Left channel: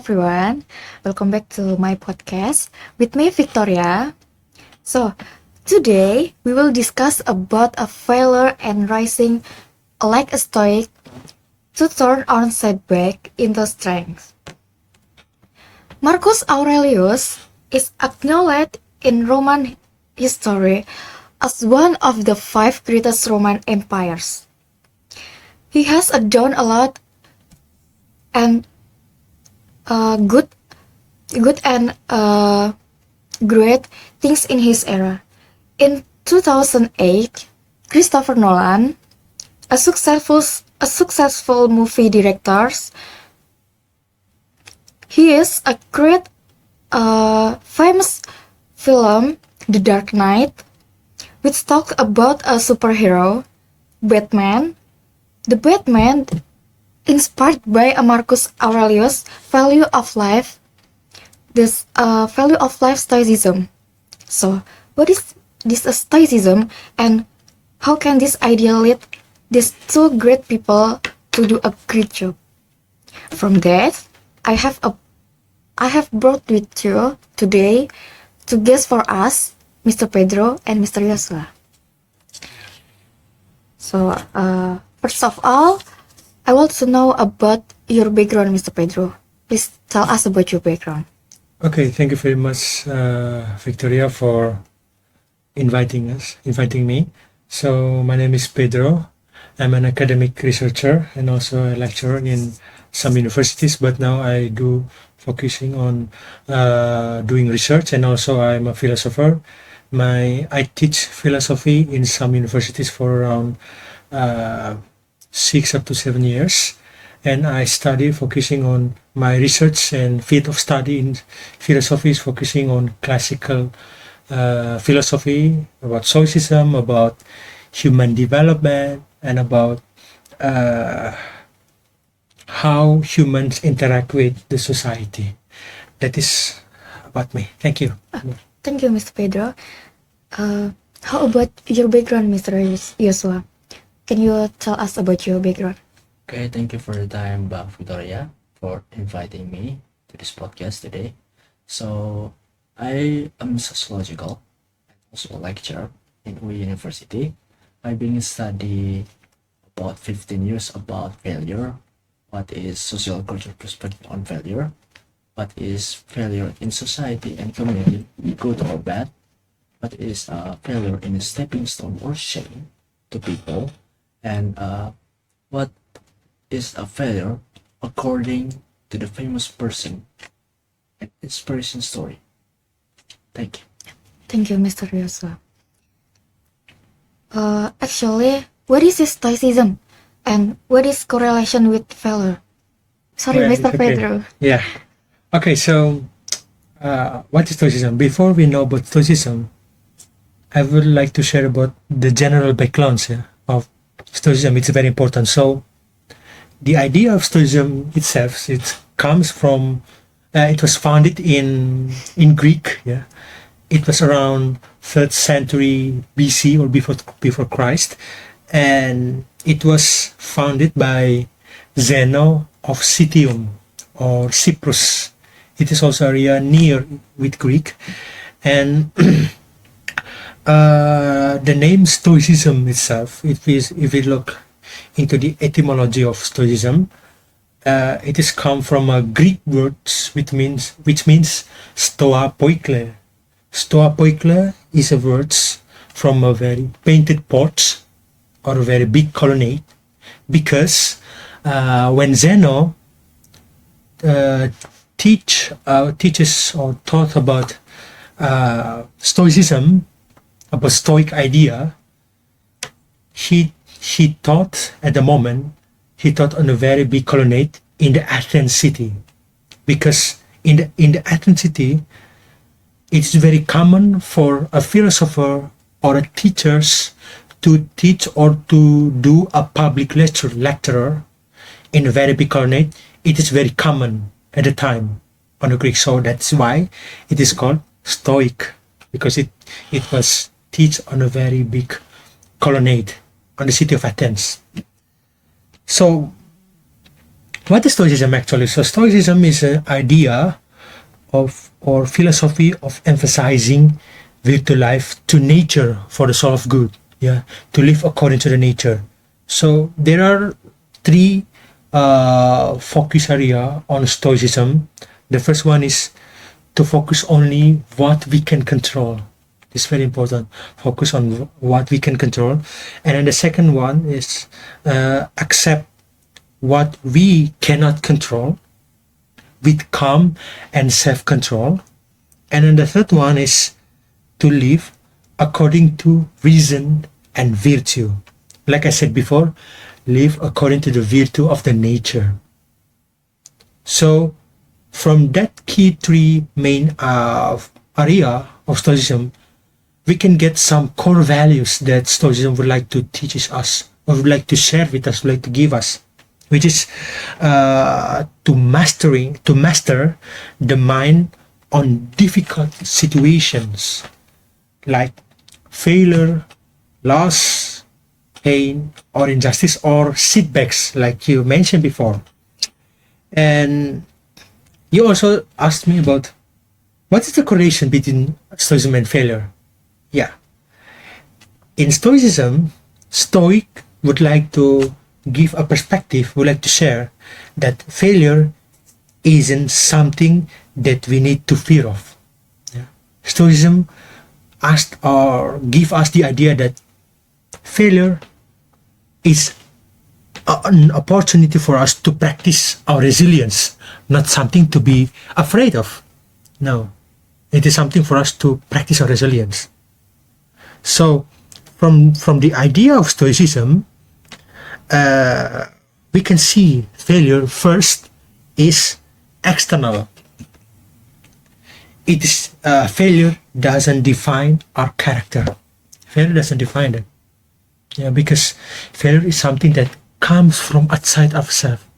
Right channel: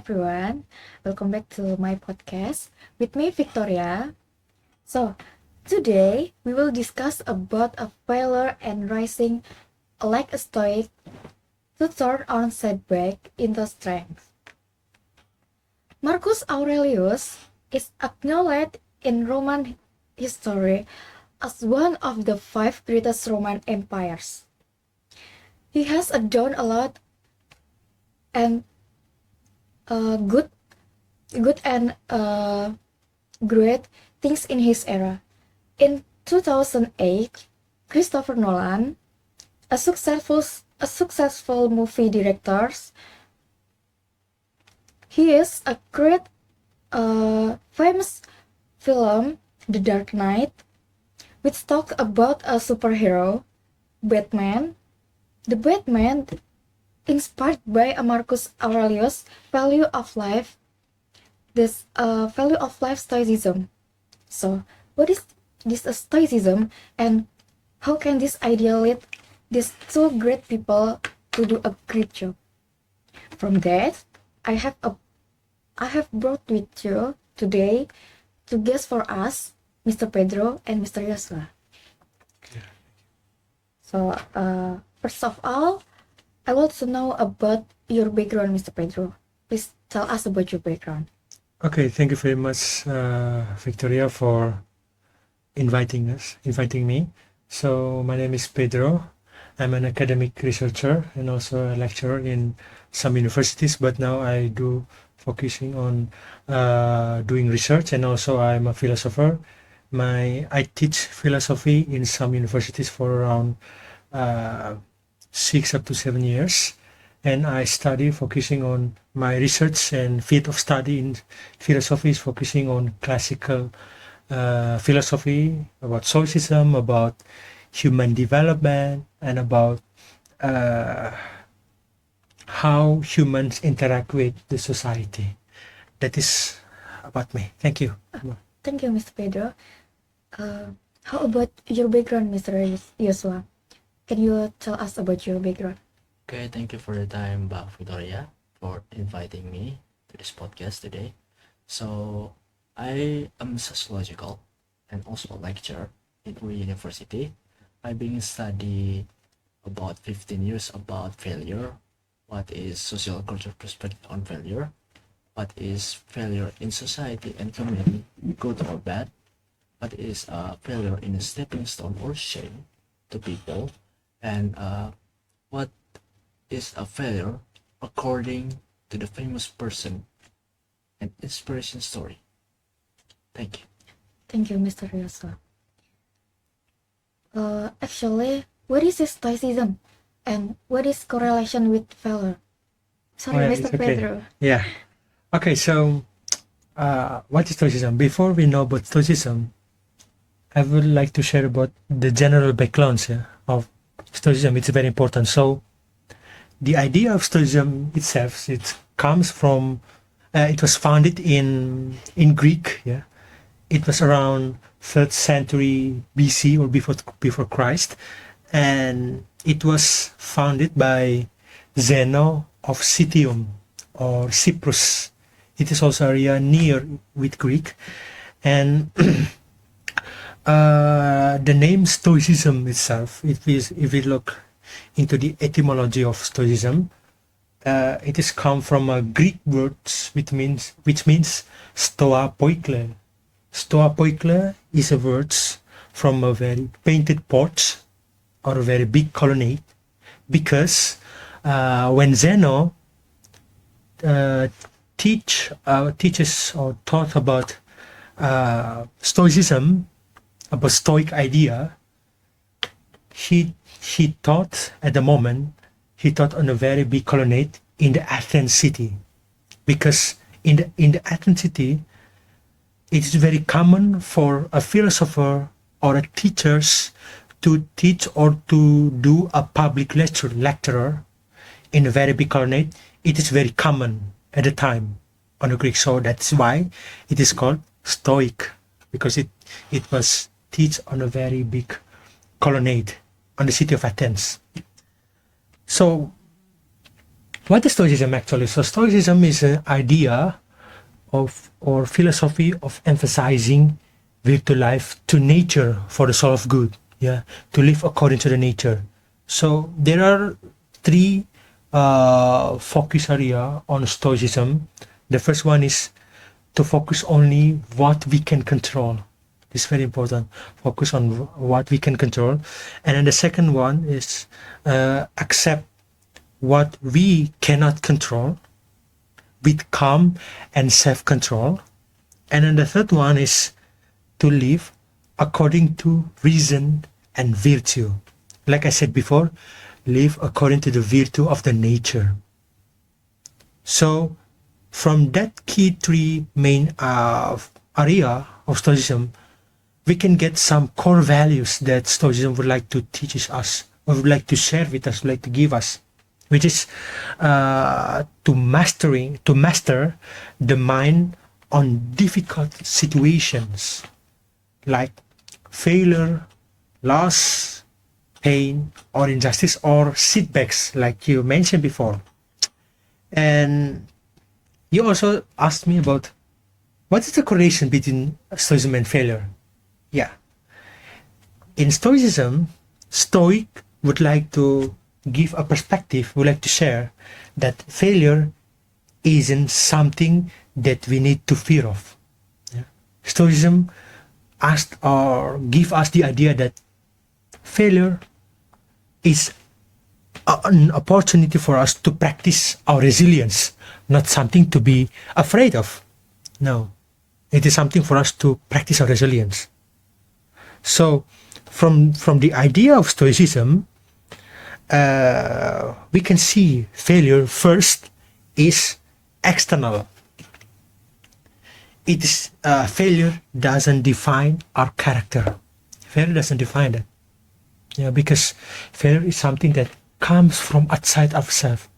everyone, welcome back to my podcast with me Victoria. So today we will discuss about a failure and rising like a stoic to turn on setback into strength. Marcus Aurelius is acknowledged in Roman history as one of the five greatest Roman empires. He has done a lot and good and great things in his era. In 2008, Christopher Nolan, a successful movie director, he is a great famous film, The Dark Knight, which talked about a superhero, Batman. The Batman inspired by a Marcus Aurelius value of life, this value of life stoicism. So, what is this stoicism, and how can this idea lead these two great people to do a great job? From that, I have brought with you today two guests for us, Mr. Pedro and Mr. Yosua. So, first of all, I want to know about your background, Mr. Pedro. Please tell us about your background. Okay, thank you very much, Victoria, for inviting me. So my name is Pedro. I'm an academic researcher and also a lecturer in some universities, but now I do focusing on doing research, and also I'm a philosopher. I teach philosophy in some universities for around 6 up to 7 years, and I study focusing on my research and field of study in philosophy is focusing on classical philosophy, about Stoicism, about human development, and about how humans interact with the society. That is about me. Thank you. Thank you, Mr. Pedro. How about your background, Mr. Yosua? Can you tell us about your background? Okay, thank you for the time, Victoria, for inviting me to this podcast today. So, I am sociological and also a lecturer in UE University. I've been studying about 15 years about failure. What is social cultural perspective on failure? What is failure in society and community, good or bad? What is failure in a stepping stone or shame to people? And what is a failure according to the famous person and inspiration story? Thank you. Thank you, Mr. Yosua. Actually, what is stoicism, and what is correlation with failure? Sorry, Well, Mr. it's okay. Pedro. Yeah. Okay, so what is Stoicism? Before we know about Stoicism, I would like to share about the general background of Stoicism. It's very important. So the idea of Stoicism itself, it comes from, it was founded in Greek. Yeah, it was around 3rd century BC or before Christ, and it was founded by Zeno of Citium or Cyprus. It is also area near with Greek, and the name Stoicism itself, if we look into the etymology of Stoicism, it is come from a Greek word which means stoa poikle. Stoa poikle is a word from a very painted porch or a very big colonnade, because when Zeno teaches or taught about Stoicism, about Stoic idea, he taught at the moment, he taught on a very big colonnade in the Athens city, because in the Athens city, it's very common for a philosopher or a teachers to teach or to do a public lecturer in a very big colonnade. It is very common at the time on the Greek, so that's why it is called Stoic, because it was teach on a very big colonnade on the city of Athens. So what is Stoicism actually? So Stoicism is an idea of or philosophy of emphasizing virtue life to nature for the soul of good. Yeah, to live according to the nature. So there are three focus area on Stoicism. The first one is to focus only what we can control. It's very important. Focus on what we can control. And then the second one is accept what we cannot control with calm and self-control. And then the third one is to live according to reason and virtue. Like I said before, live according to the virtue of the nature. So from that key three main area of Stoicism, we can get some core values that Stoicism would like to teach us, or would like to share with us, would like to give us, which is to master the mind on difficult situations like failure, loss, pain, or injustice, or setbacks, like you mentioned before. And you also asked me about what is the correlation between Stoicism and failure. Yeah. In Stoicism, Stoic would like to give a perspective, would like to share that failure isn't something that we need to fear of. Yeah. Stoicism asked or give us the idea that failure is an opportunity for us to practice our resilience, not something to be afraid of. No, it is something for us to practice our resilience. So from the idea of Stoicism, we can see failure first is external. It is failure doesn't define our character. Failure doesn't define it. Yeah, because failure is something that comes from outside ourselves.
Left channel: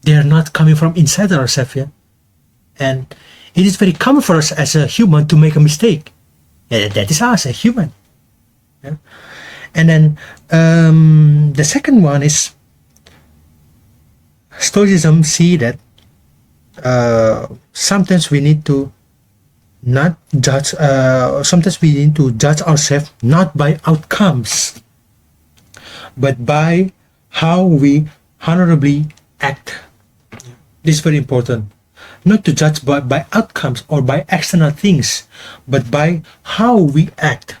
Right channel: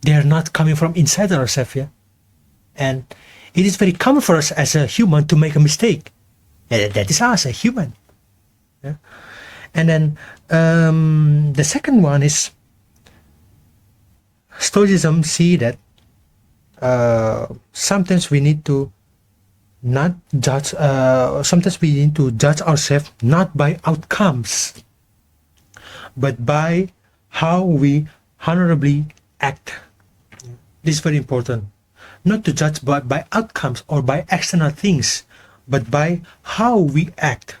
They are not coming from inside ourselves. Yeah? And it is very common for us as a human to make a mistake. That is us, a human. Yeah? And then the second one is Stoicism see that sometimes we need to not judge. Sometimes we need to judge ourselves not by outcomes, but by how we honorably act. This is very important. Not to judge by outcomes or by external things, but by how we act,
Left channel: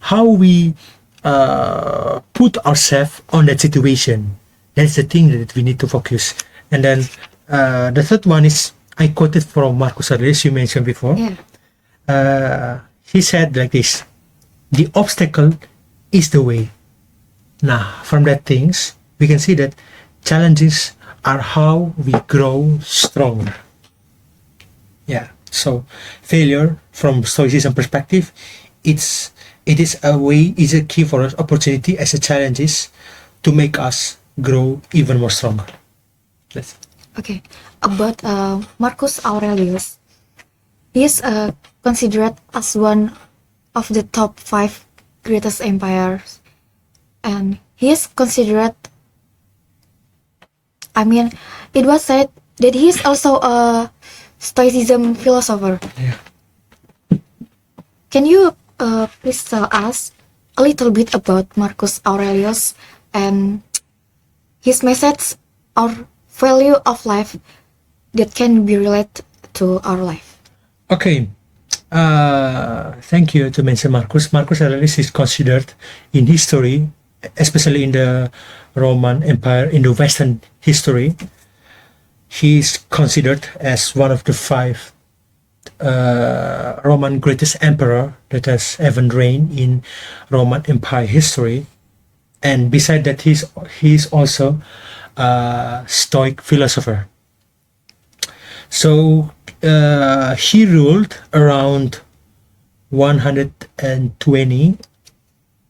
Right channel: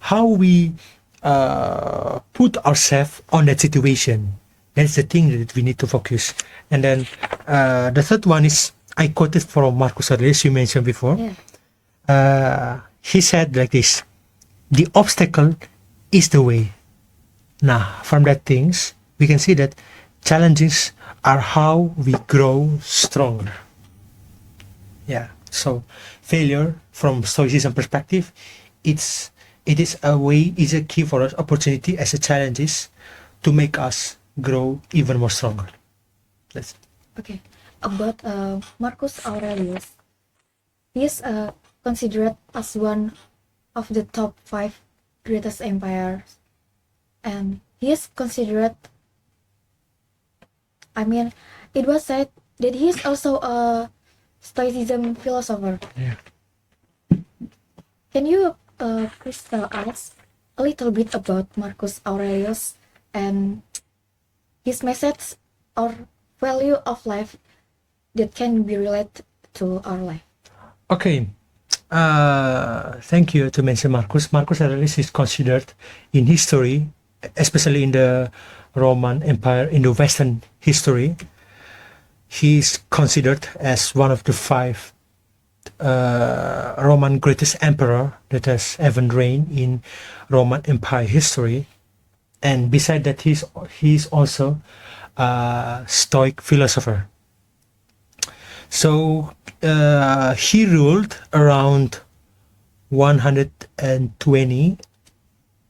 how we put ourselves on that situation. That's the thing that we need to focus. And then the third one is, I quoted from Marcus Aurelius, you mentioned before. Yeah. He said like this: the obstacle is the way. Now, from that things, we can see that challenges are how we grow stronger. Yeah. So failure from Stoicism perspective, it is a way, is a key for us, opportunity as a challenges to make us grow even more stronger. That's it. Okay. About Marcus Aurelius, he is considered as one of the top 5 greatest empires, and he is considered. I mean, it was said that he is also a Stoicism philosopher. Yeah. Can you please tell us a little bit about Marcus Aurelius and his message or value of life that can be related to our life? Okay. Thank you to mention Marcus. Marcus Aurelius is considered in history, especially in the Roman Empire, in the Western history, he is considered as one of the 5 Roman greatest emperor that has ever reigned in Roman Empire history. And beside that, he's also a Stoic philosopher. So he ruled around 120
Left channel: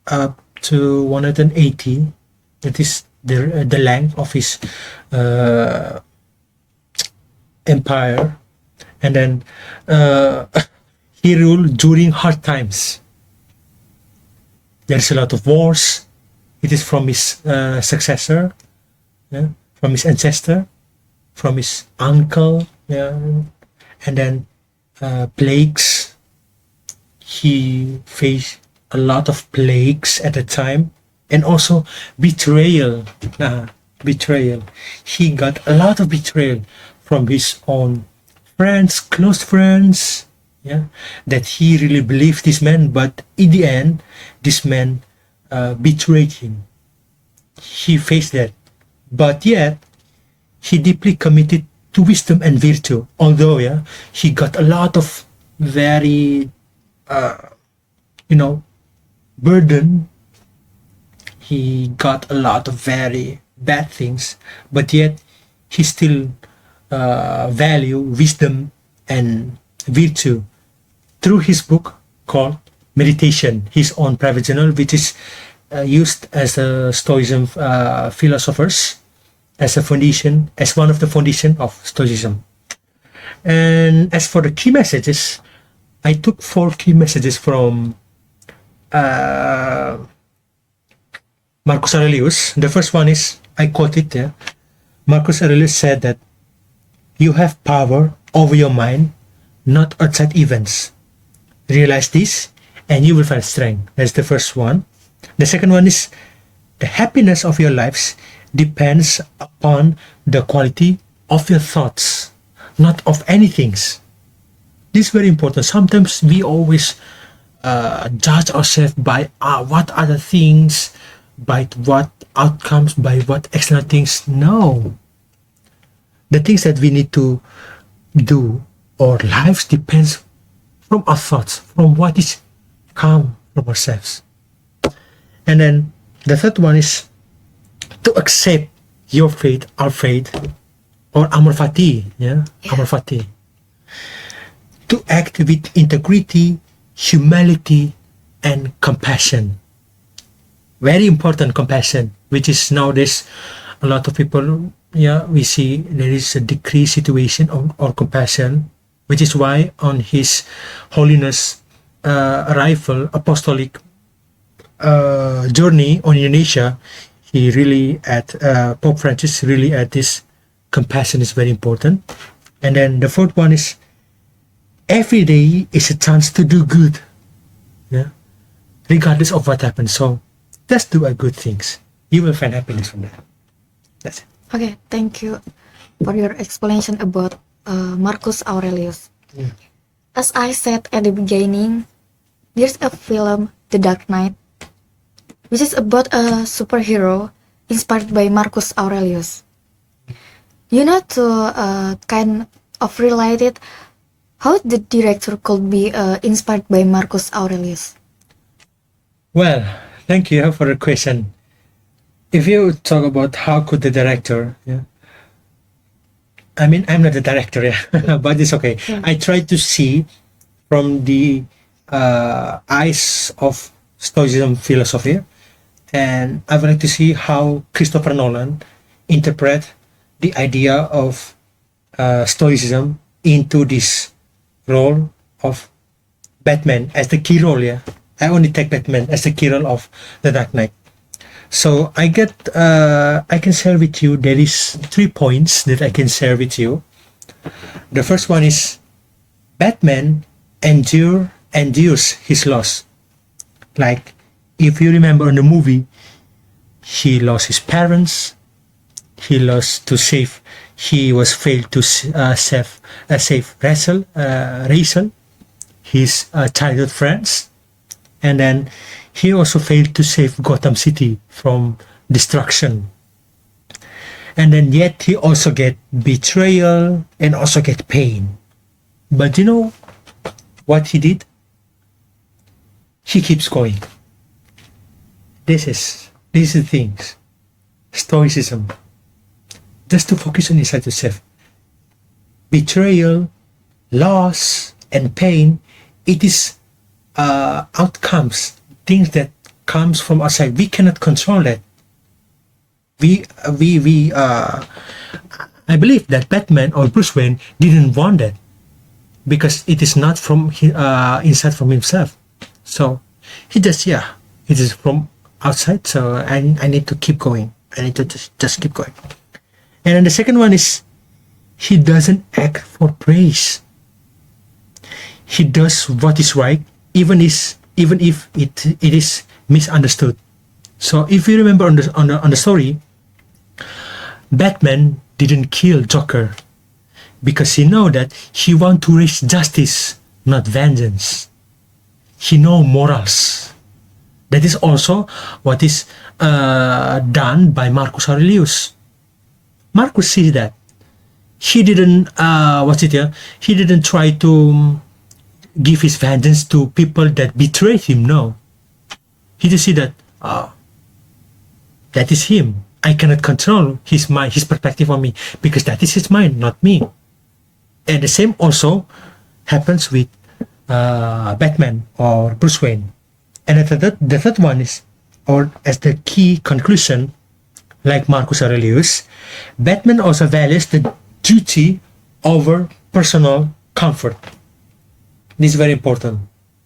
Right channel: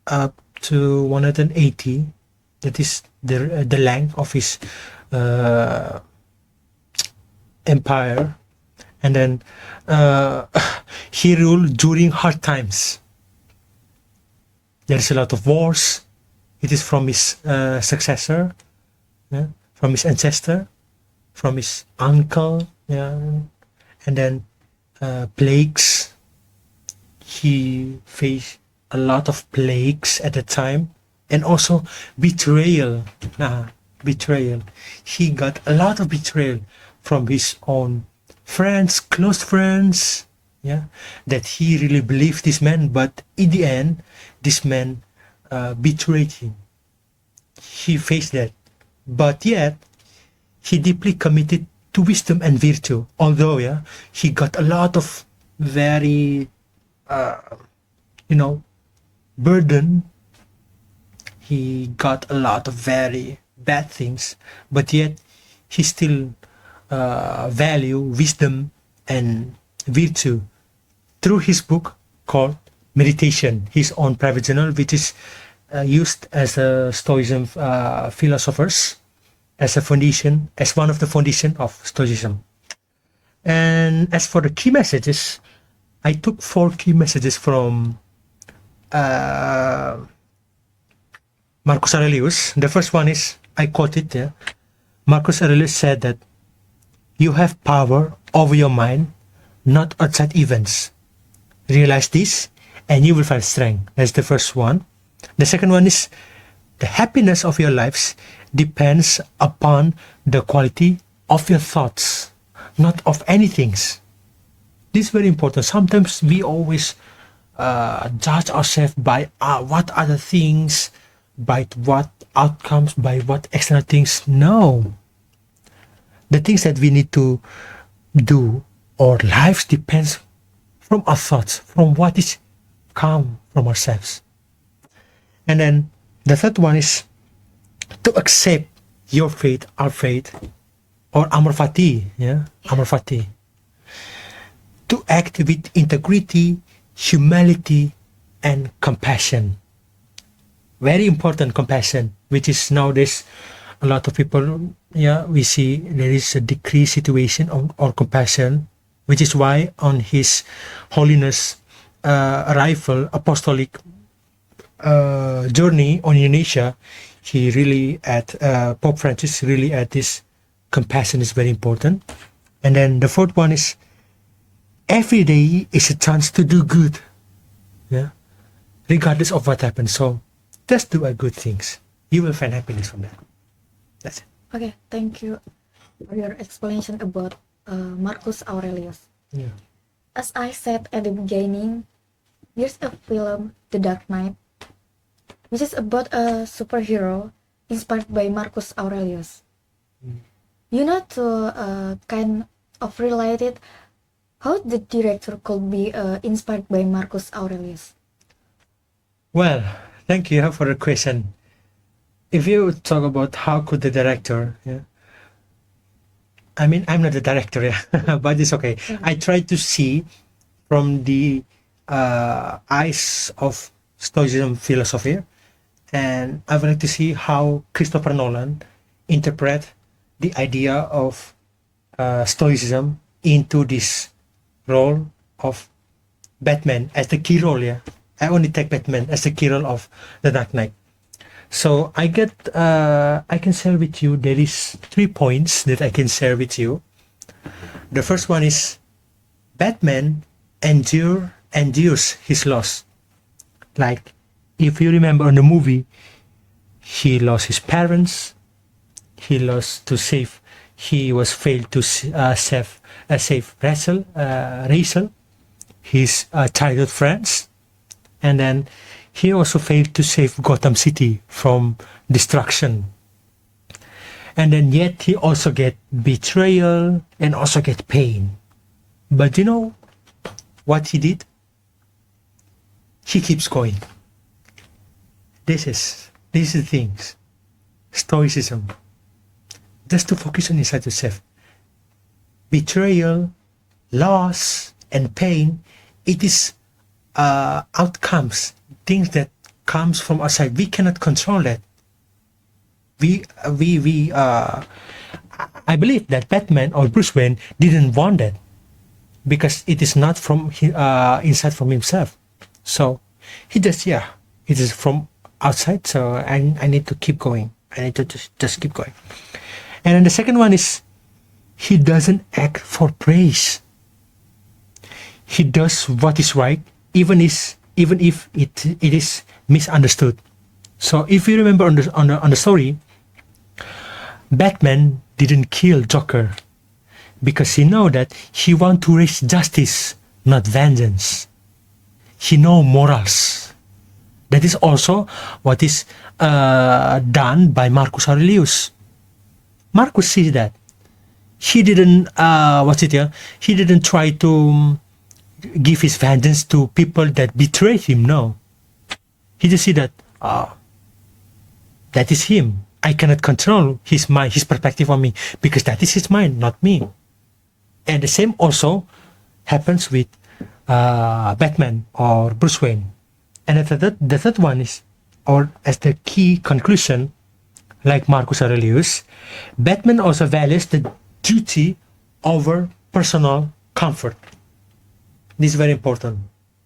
up to 180. That is the length of his empire. And then he ruled during hard times. There's a lot of wars. It is from his successor, from his ancestor. from his uncle, yeah, and then plagues. He faced a lot of plagues at the time, and also betrayal. Betrayal. He got a lot of betrayal from his own friends, close friends, yeah, that he really believed this man, but in the end, this man betrayed him. He faced that, but yet he deeply committed to wisdom and virtue. Although, yeah, he got a lot of very, burden. He got a lot of very bad things, but yet he still value wisdom and virtue through his book called Meditation, his own private journal, which is used as a Stoicism philosophers as a foundation, as one of the foundation of Stoicism. And as for the key messages, I took 4 key messages from Marcus Aurelius. The first one is, I quote it here. Marcus Aurelius said that you have power over your mind, not outside events. Realize this and you will find strength. That's the first one. The second one is, the happiness of your lives depends upon the quality of your thoughts, not of anything. This is very important. Sometimes we always judge ourselves by what other things, by what outcomes, by what external things. No. The things that we need to do, our lives depends from our thoughts, from what is come from ourselves. And then the third one is to accept your fate, our fate, or amor fati, amor fati. To act with integrity, humility, and compassion. Very important, compassion, which is nowadays a lot of people, we see there is a decreased situation of compassion, which is why on his Holiness arrival, apostolic journey on Indonesia, he really Pope Francis really at this compassion is very important. And then the fourth one is, every day is a chance to do good, regardless of what happens. So just do good things. You will find happiness from that. That's it. Okay, thank you for your explanation about Marcus Aurelius. Yeah. As I said at the beginning, there's a film, The Dark Knight, which is about a superhero inspired by Marcus Aurelius. To kind of related how the director could be inspired by Marcus Aurelius. Well, thank you for the question. If you talk about how could the director, I mean, I'm not the director, but it's okay. Yeah. I try to see from the eyes of Stoicism philosophy, and I would like to see how Christopher Nolan interpret the idea of Stoicism into this role of Batman as the key role. I only take Batman as the key role of the Dark Knight. So I can share with you, there is 3 points that I can share with you. The first one is, Batman endures his loss. Like, if you remember in the movie, he lost his parents, he was failed to save Rachel, his childhood friends, and then he also failed to save Gotham City from destruction. And then yet he also get betrayal and also get pain. But you know what he did? He keeps going. This is the things. Stoicism. Just to focus on inside yourself. Betrayal, loss, and pain, it is outcomes, things that comes from outside. We cannot control that. I believe that Batman or Bruce Wayne didn't want that, because it is not from inside from himself. So he just it is from outside. So I need to keep going. I need to just keep going. And then the second one is, he doesn't act for praise. He does what is right, even if it is misunderstood. So if you remember on the story, Batman didn't kill Joker because he know that he want to reach justice, not vengeance. He know morals. That is also what is done by Marcus Aurelius. Marcus sees that. He didn't he didn't try to give his vengeance to people that betrayed him. No, he just see that that is him. I cannot control his mind, his perspective on me, because that is his mind, not me. And the same also happens with Batman or Bruce Wayne. And the third one is, or as the key conclusion, like Marcus Aurelius, Batman also values the duty over personal comfort. This is very important.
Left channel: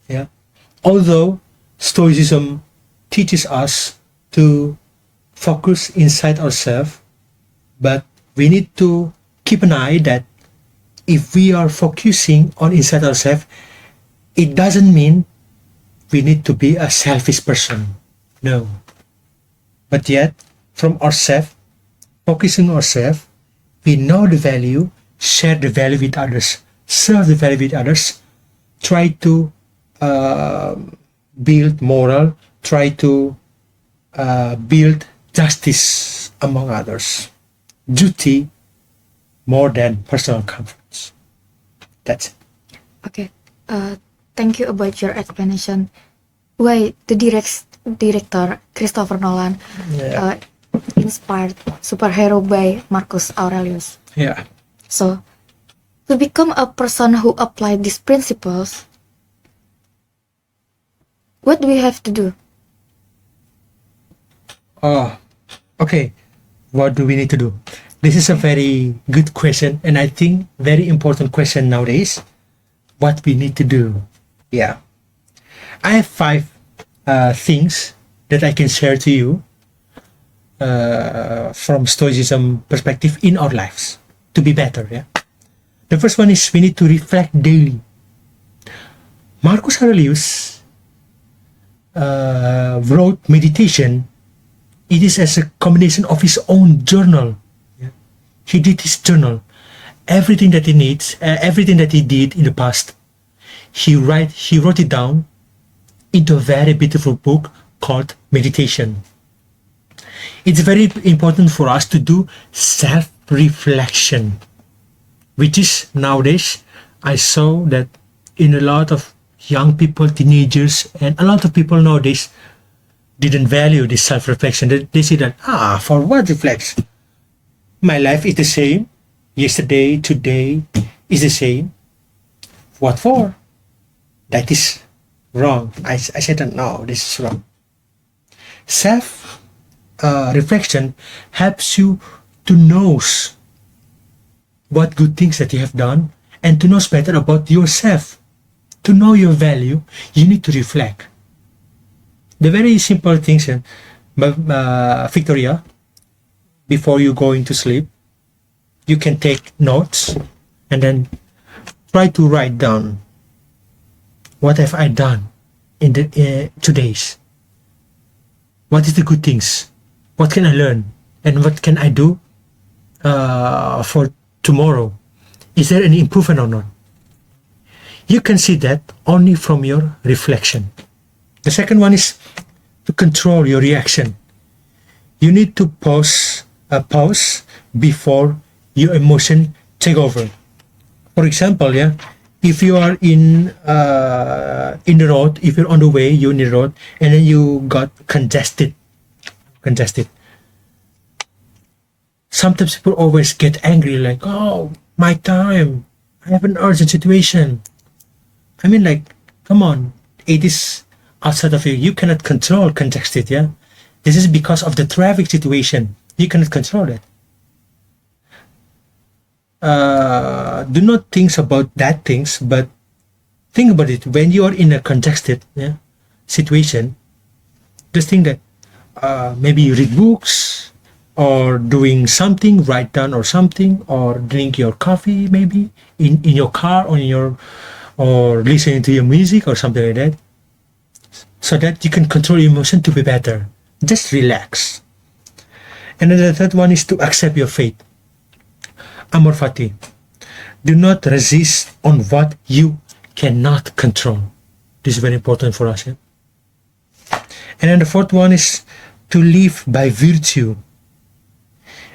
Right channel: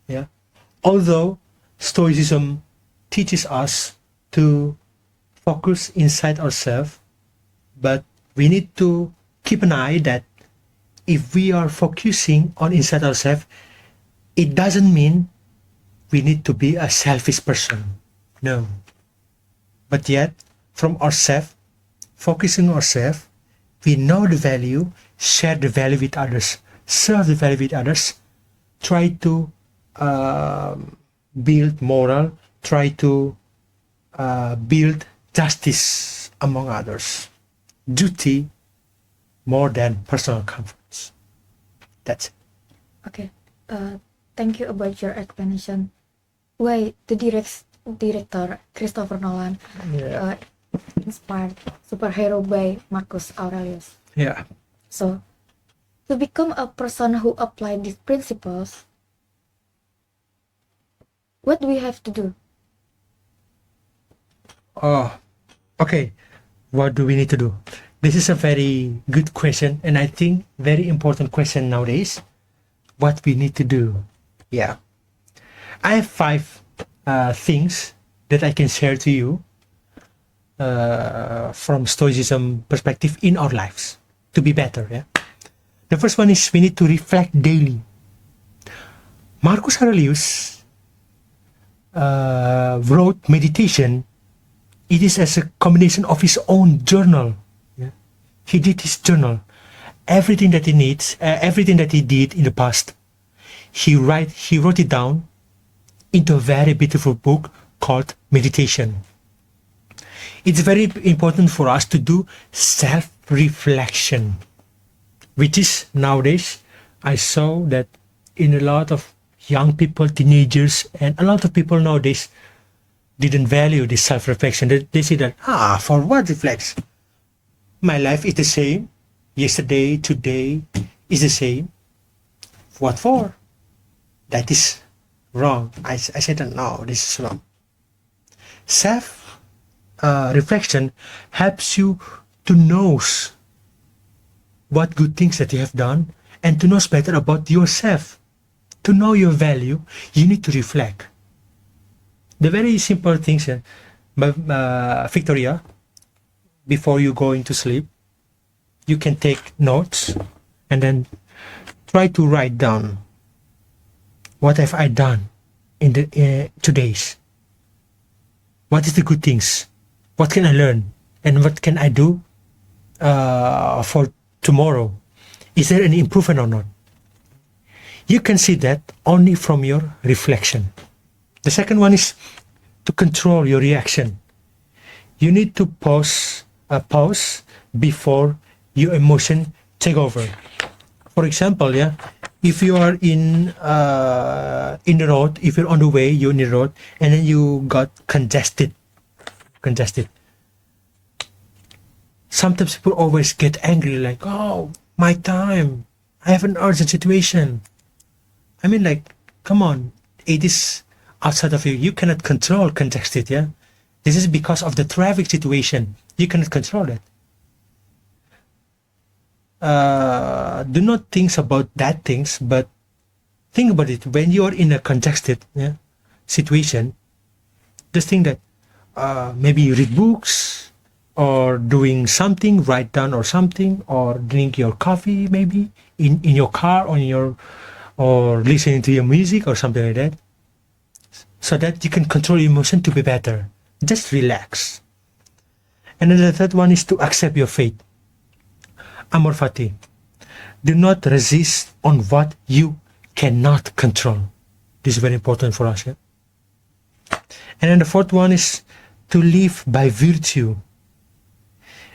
Yeah. Although Stoicism teaches us to focus inside ourselves, but we need to keep an eye that if we are focusing on inside ourselves, it doesn't mean we need to be a selfish person. No. But yet, from ourselves, focusing on ourselves, we know the value, share the value with others, serve the value with others, try to build moral, try to build justice among others. Duty more than personal comforts. That's it. Okay. Thank you about your explanation. Why the director Christopher Nolan inspired superhero by Marcus Aurelius. Yeah. So, to become a person who apply these principles, what do we have to do? Okay. What do we need to do? This is a very good question, and I think very important question nowadays. What we need to do? Yeah. I have 5 things that I can share to you from Stoicism perspective in our lives to be better. Yeah. The first one is we need to reflect daily. Marcus Aurelius wrote meditation. It is as a combination of his own journal. Yeah. He did his journal. Everything that he needs, everything that he did in the past, he wrote it down into a very beautiful book called Meditation. It's very important for us to do self-reflection, which is nowadays, I saw that in a lot of young people, teenagers, and a lot of people nowadays didn't value this self-reflection. They say that, for what reflects? My life is the same. Yesterday, today is the same. What for? That is wrong. I said that no, this is wrong. Self-reflection helps you to know what good things that you have done and to know better about yourself. To know your value, you need to reflect. The very simple things, Victoria, before you go into sleep, you can take notes and then try to write down what have I done in the 2 days. What is the good things? What can I learn? And what can I do for tomorrow? Is there any improvement or not? You can see that only from your reflection. The second one is to control your reaction. You need to pause before your emotion take over. For example, if you are in the road, if you're on the way, you're in the road, and then you got congested. Sometimes people always get angry, like, oh, my time, I have an urgent situation. I mean, like, come on, it is outside of you. You cannot control congested, yeah? This is because of the traffic situation. You cannot control it. Do not think about that things, but think about it. When you are in a congested situation, just think that maybe you read books, or doing something, write down or something, or drink your coffee maybe in your car or listening to your music or something like that, so that you can control your emotion to be better. Just relax. And then the third one is to accept your fate. Amor fati. Do not resist on what you cannot control. This is very important for us. Yeah? And then the fourth one is to live by virtue.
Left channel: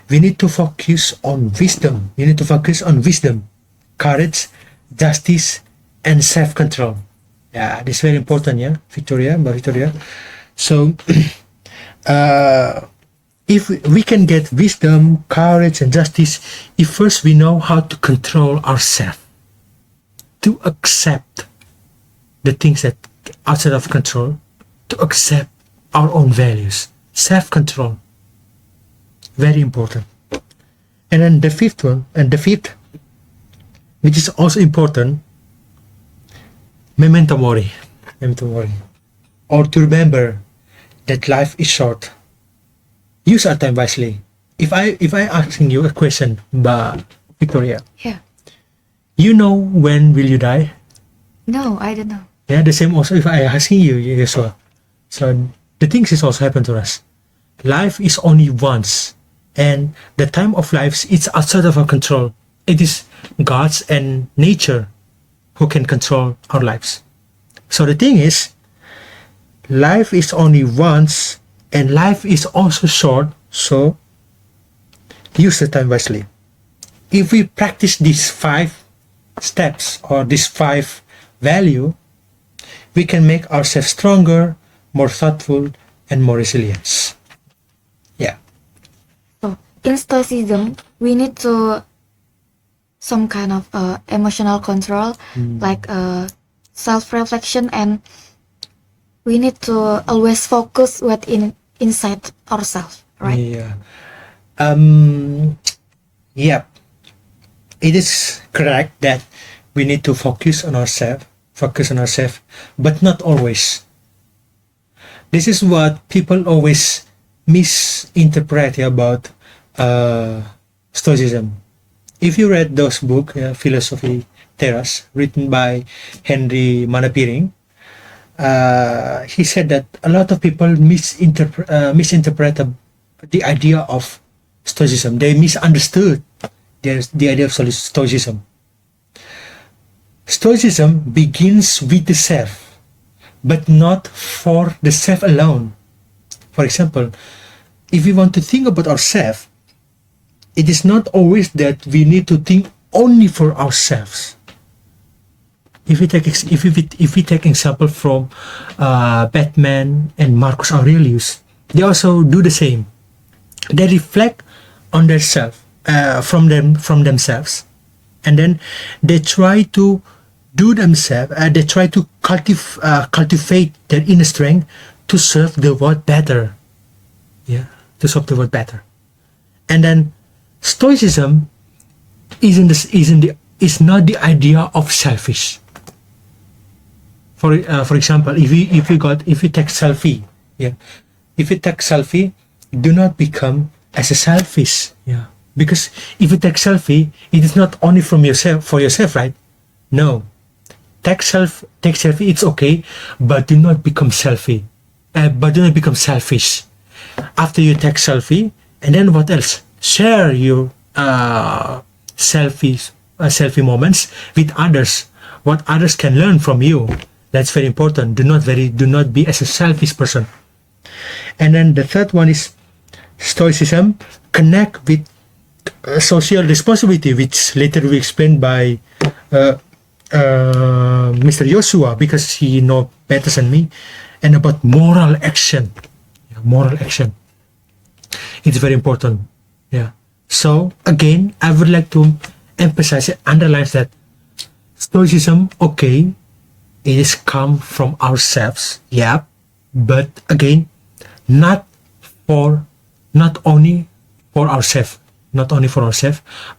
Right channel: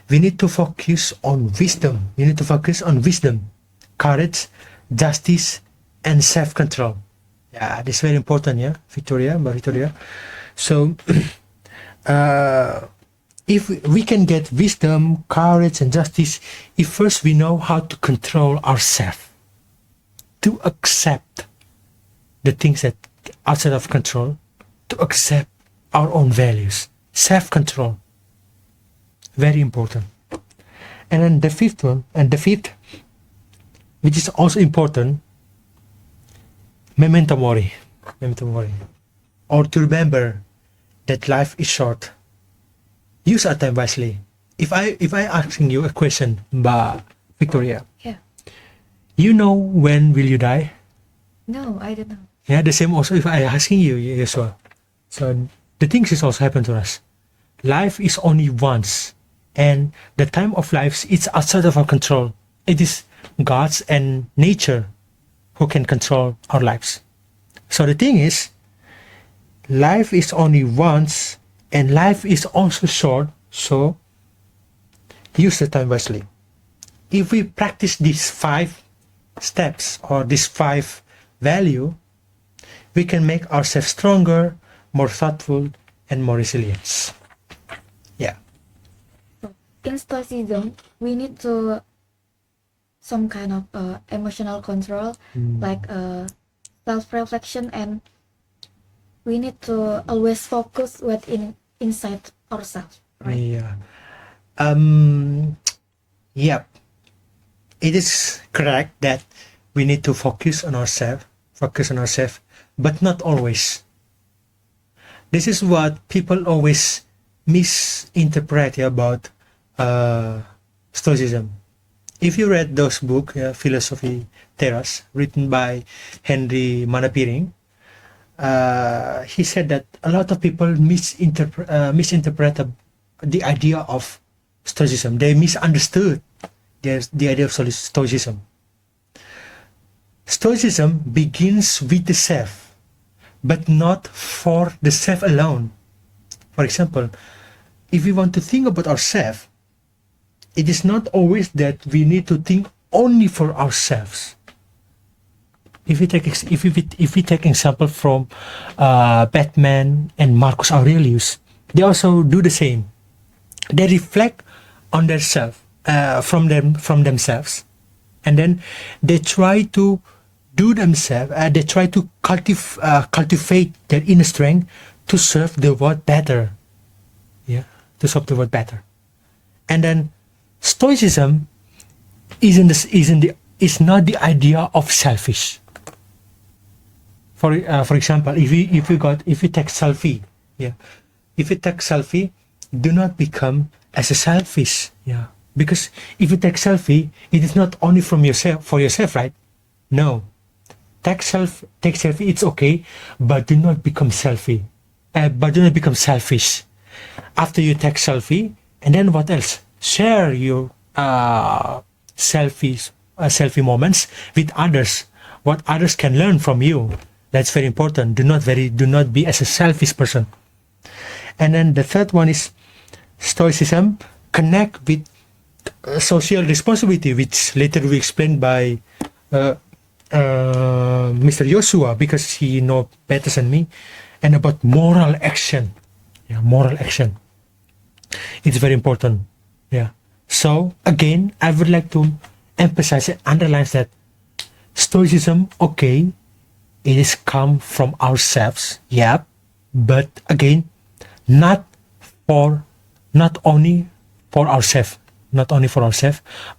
We need to focus on wisdom. You need to focus on wisdom, courage, justice, and self-control. Yeah, this is very important, yeah, Mbak Victoria. So, if we can get wisdom, courage, and justice, if first we know how to control ourselves, to accept the things that are outside of control, to accept our own values, self-control, very important. And then the fifth, which is also important, memento mori, or to remember that life is short. Use our time wisely. If I asking you a question, Mbak Victoria, Yeah. you know when will you die? No, I don't know. Yeah, the same also if I asking you, Yosua. So the things is also happen to us. Life is only once, and the time of life is outside of our control. It is God's and nature who can control our lives. So the thing is, life is only once, and life is also short, so use the time wisely. If we practice these 5 steps or these 5 value, we can make ourselves stronger, more thoughtful, and more resilient. Yeah. So in Stoicism, we need to some kind of emotional control, like self-reflection, and we need to always focus what inside ourselves, right? Yeah. Yep. It is correct that we need to focus on ourselves, but not always. This is what people always misinterpret about Stoicism. If you read those books, Philosophy Terras, written by Henry Manapiring, he said that a lot of people misinterpret the idea of Stoicism. They misunderstood the idea of Stoicism. Stoicism begins with the self, but not for the self alone. For example, if we want to think about ourselves, it is not always that we need to think only for ourselves. If we take example from Batman and Marcus Aurelius, they also do the same. They reflect on their self, from themselves, and then they try to do themselves. They try to cultivate their inner strength to serve the world better. Yeah, to serve the world better. And then Stoicism is not the idea of selfish. For example, if you take selfie, yeah, if you take selfie, do not become as a selfish, yeah, because if you take selfie, it is not only for yourself, right? No, take selfie, it's okay, but do not become selfish. After you take selfie, and then what else? Share your selfie moments with others. What others can learn from you. That's very important. Do not be as a selfish person. And then the third one is Stoicism connect with social responsibility, which later will be explained by Mr. Yosua, because he knows better than me, and about moral action. Yeah, moral action. It's very important. Yeah. So again, I would like to emphasize and underline that Stoicism, okay, it is come from ourselves, yeah, but again, not only for ourselves,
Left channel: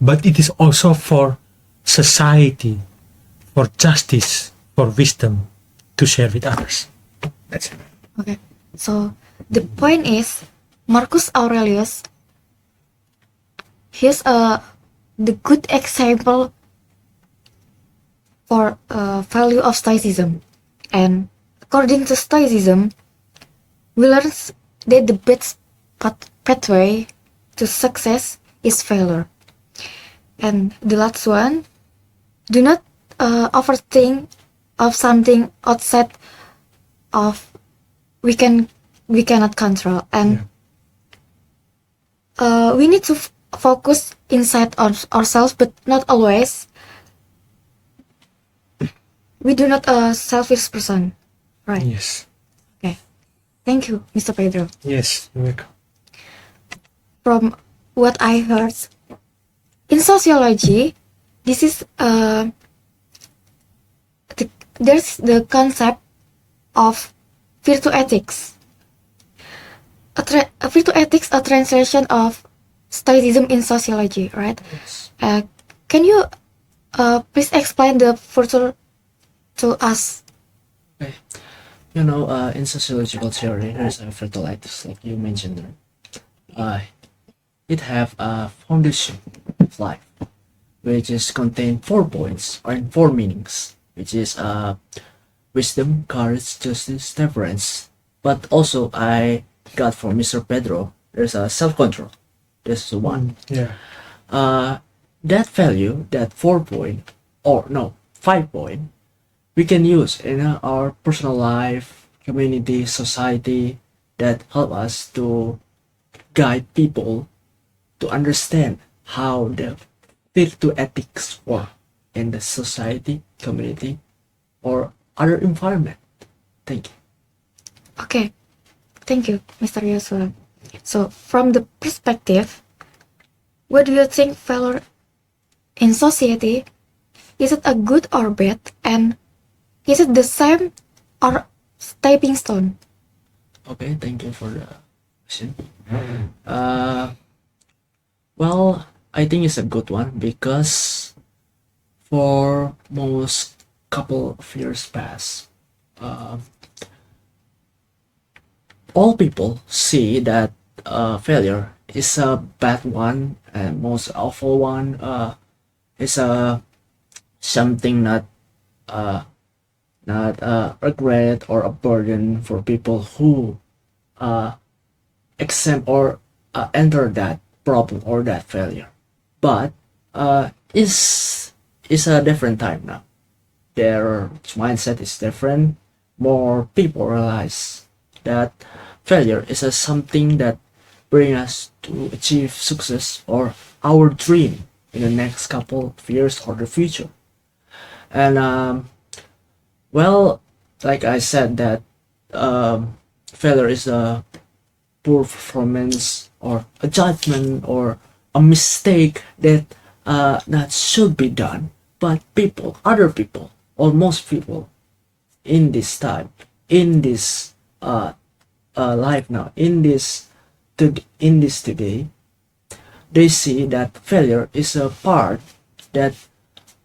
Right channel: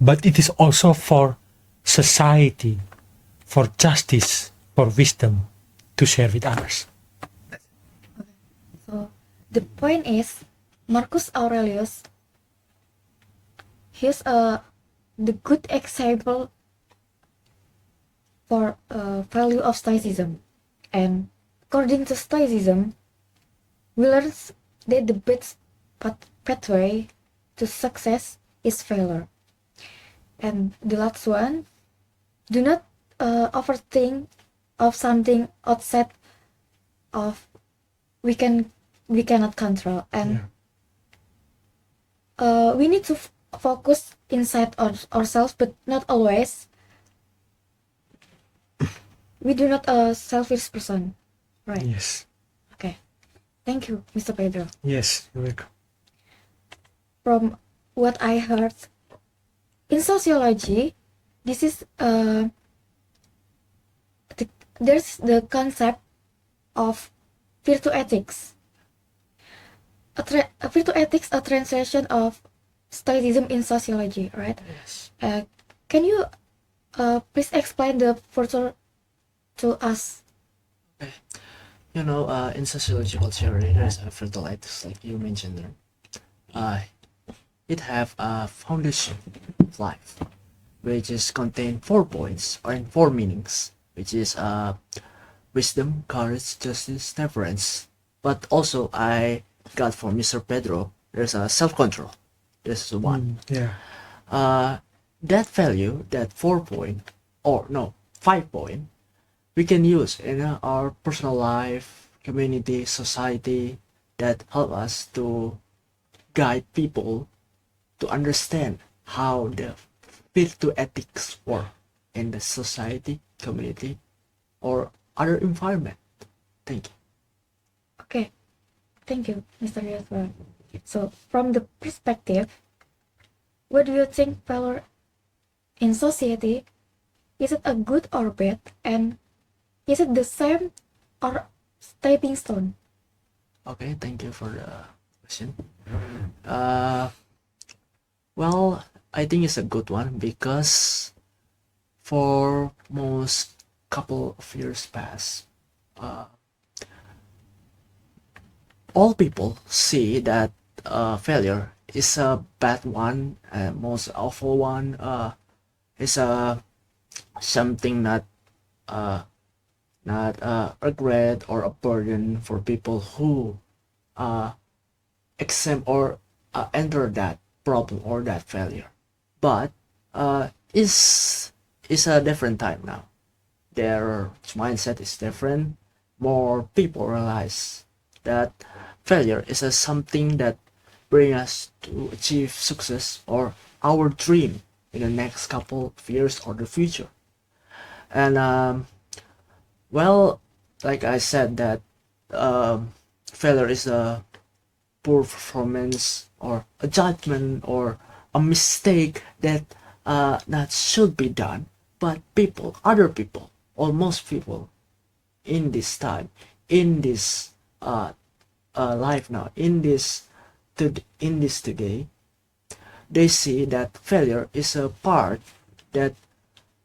but it is also for society, for justice, for wisdom to share with others. That's it. Okay, so the point is, Marcus Aurelius he's the good example for value of Stoicism. And according to Stoicism, we learn that the best pathway to success is failure. And the last one, do not overthink of something outside of we cannot control, and we need to focus inside ourselves, but not always. We do not a selfish person, right? Yes. Okay, thank you, Mr. Pedro. Yes, you're welcome. From what I heard, in sociology, this is there's the concept of virtue ethics. A virtue ethics, a translation of Stoicism in sociology, right? Yes. Can you please explain the virtue to us? Okay. You know, in sociological theory, there's a virtue ethics, like you mentioned there. It have a foundation of life, which is contain 4 points or in 4 meanings, which is wisdom, courage, justice, temperance. But also I got from Mr. Pedro, there's a self-control. This is one. Yeah. That value, that 4 point, or no, 5 point, we can use in our personal life, community, society, that help us to guide people to understand how the virtue ethics work in the society, community, or other environment. Thank you. Okay, thank you, Mr. Yosua. So, from the perspective, what do you think failure in society? Is it a good or bad? And is it the same or stepping stone? Okay, thank you for the question. Well, I think it's a good one because for most couple of years past, all people see that failure is a bad one and most awful one. Is a something not a regret or a burden for people who exempt or enter that problem or that failure. But it's a different time now. Their mindset is different. More people realize that failure is a something that bring us to achieve success or our dream in the next couple of years or the future. And well, like I said, that failure is a poor performance or a judgment or a mistake that that should be done. But people, other people, or most people in this time, in this life now, in this today, they see that failure is a part that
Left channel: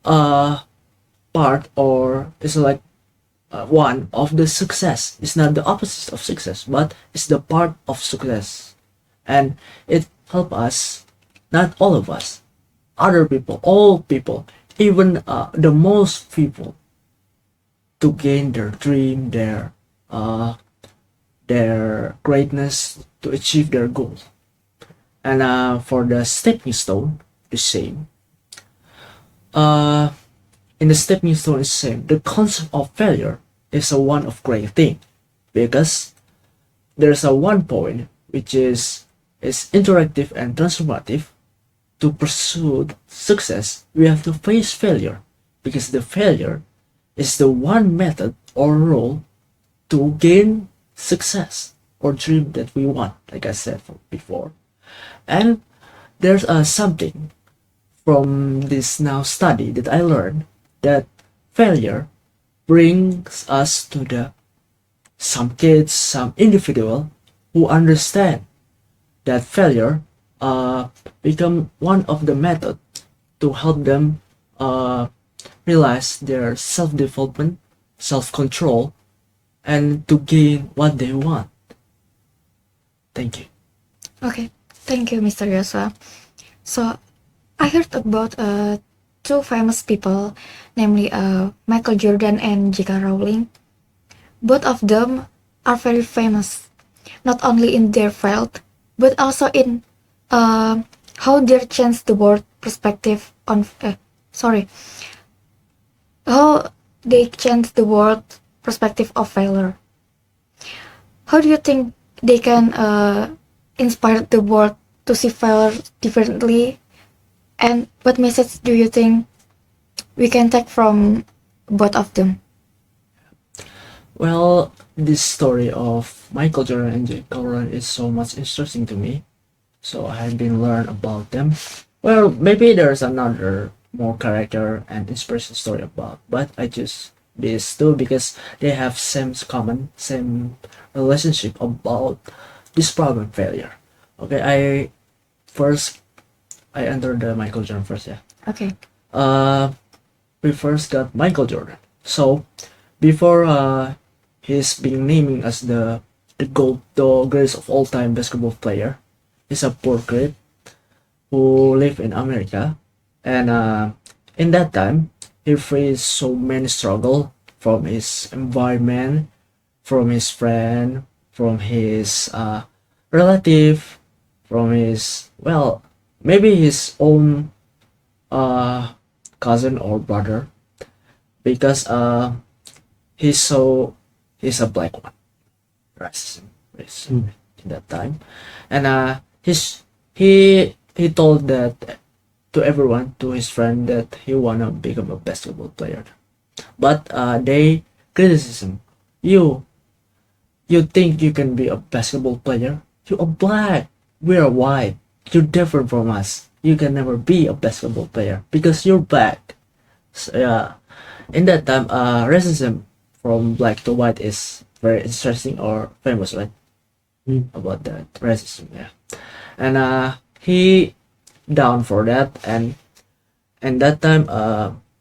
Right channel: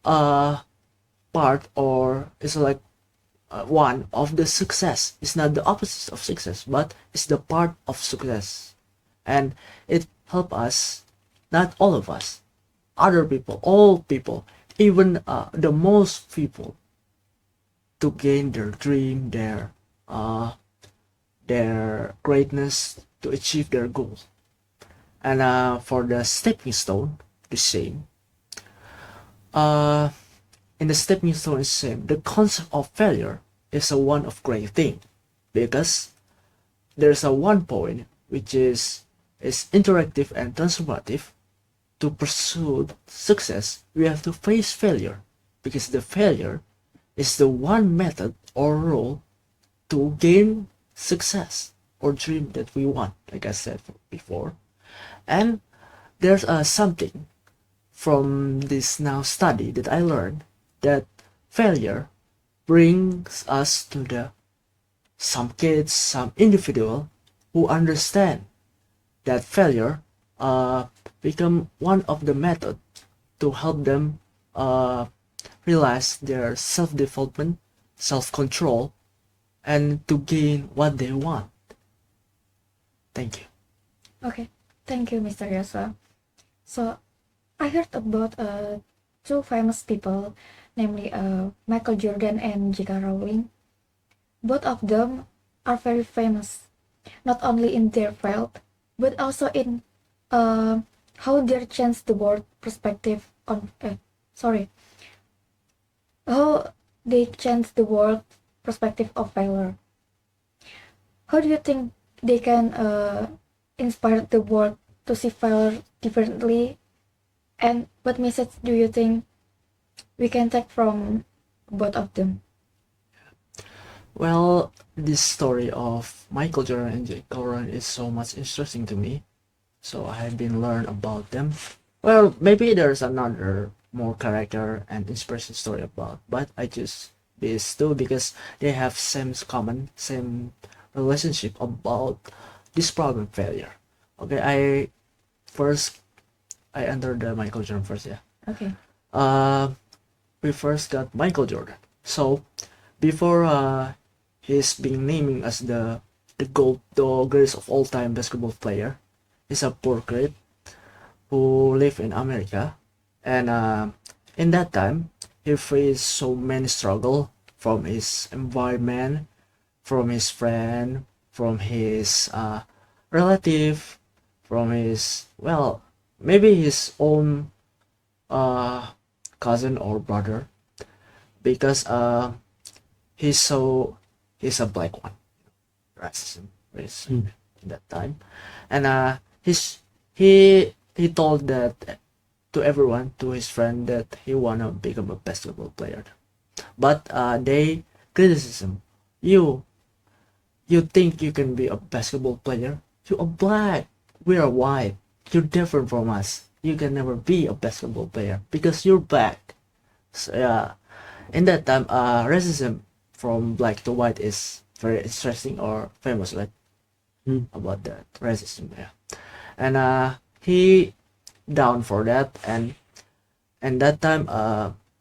part or is like one of the success. It's not the opposite of success, but it's the part of success, and it help us, not all of us, other people, all people, even the most people, to gain their dream, their greatness, to achieve their goal. And for the stepping stone, the same. In the stepping stone is the same. The concept of failure is a one of great thing, because there's a one point which is interactive and transformative. To pursue success, we have to face failure, because the failure is the one method or role to gain success or dream that we want, like I said before. And there's something from this now study that I learned, that failure brings us to the some kids, some individual who understand that failure become one of the method to help them realize their self-development, self-control, and to gain what they want. Thank you. Okay, thank you, Mr. Yosua. So I heard about two famous people, namely Michael Jordan and J.K. Rowling. Both of them are very famous, not only in their field, but also in uh, how they changed the world perspective on. Sorry, how they changed the world perspective of failure. How do you think they can inspire the world to see failure differently? And what message do you think we can take from both of them? Well, this story of Michael Jordan and Jake Rowling is so much interesting to me. So I have been learn about them. Well, maybe there's another more character and inspiration story about, but I choose these two because they have same relationship about this problem failure. Okay, first I entered the Michael Jordan first, yeah. Okay. We first got Michael Jordan. So before he's being named as the greatest of all time basketball player, he's a poor kid who live in America, and in that time he faced so many struggle from his environment, from his friend, from his relative, from his, well, maybe his own uh, cousin or brother, because he's so he's a black one, racism in that time, and he told that to everyone, to his friend, that he wanna become a basketball player, but they criticism you. You think you can be a basketball player? You are black. We are white. You're different from us. You can never be a basketball player because you're black. So, yeah, in that time, racism from black to white is very interesting or famous, right? About that racism, yeah. And he down for that, and that time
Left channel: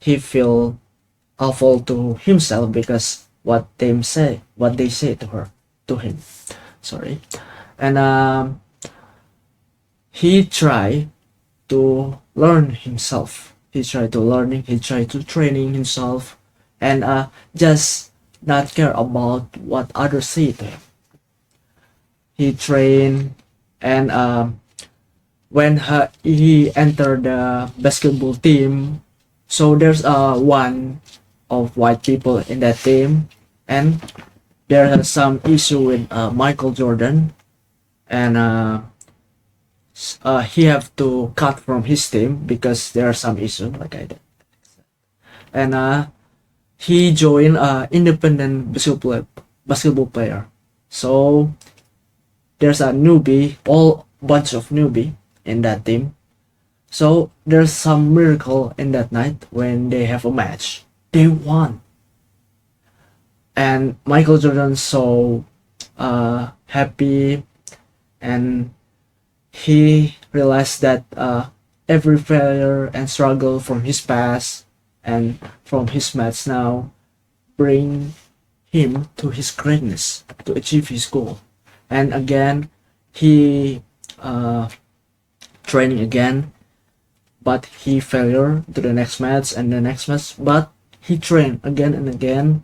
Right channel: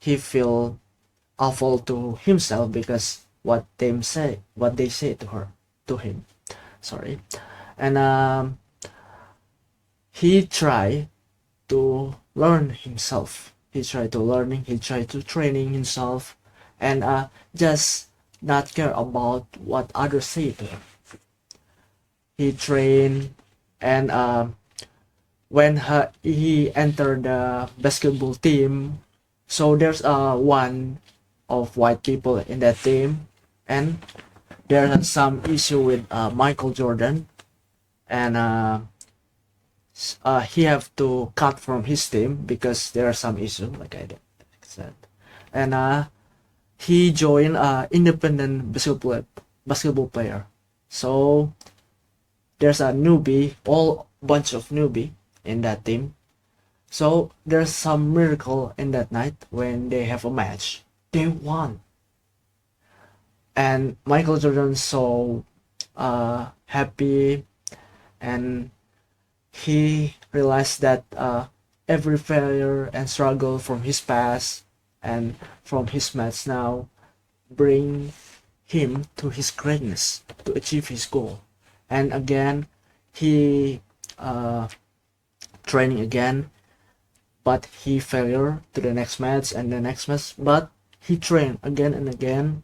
he feel awful to himself because what they say to him, sorry. And he tried to learn himself, he tried to training himself, and just not care about what others say to him. He trained, and when he entered the basketball team, so there's one of white people in that team, and there are some issue with Michael Jordan, and he have to cut from his team because there are some issue, like I said, and he joined independent basketball player. So there's a newbie, all bunch of newbie in that team. So there's some miracle in that night when they have a match. They won, and Michael Jordan so happy, and he realized that every failure and struggle from his past and from his match now bring him to his greatness, to achieve his goal. And again, he training again, but he failure to the next match and the next match, but he trained again and again,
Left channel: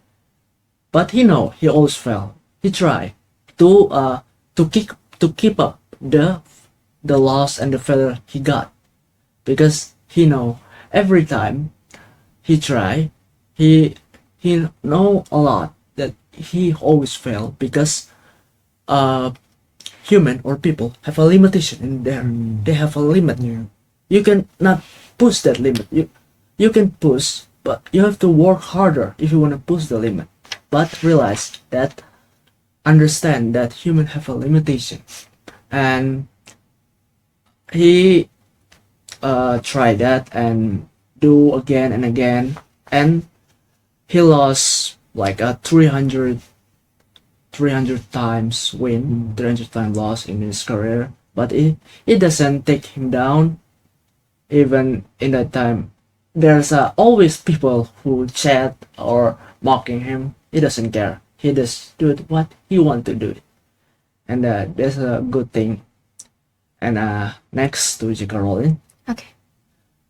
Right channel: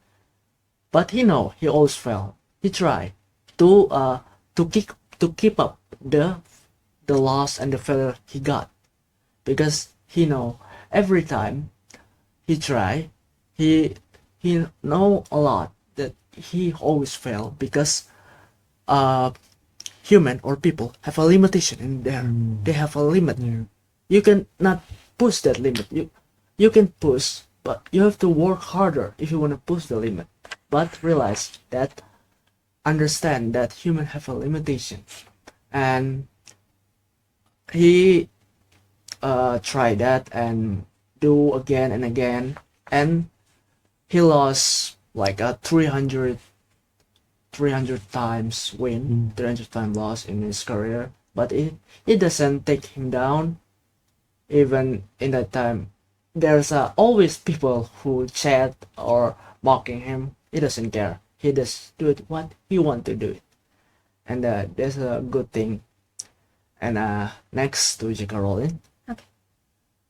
but he know he always fail. He try to keep up the loss and the failure he got, because he know every time he try, he know a lot that he always fail because human or people have a limitation in there. They have a limit. You can not push that limit. You can push, but you have to work harder if you want to push the limit. But realize that, understand that human have a limitation, and he try that and do again and again, and he lost like a 300 times win, 300 times loss in his career, but it doesn't take him down. Even in that time, there's always people who chat or mocking him. He doesn't care. He just do it what he want to do it, and that's a good thing. And next to J.K. Rowling, Okay.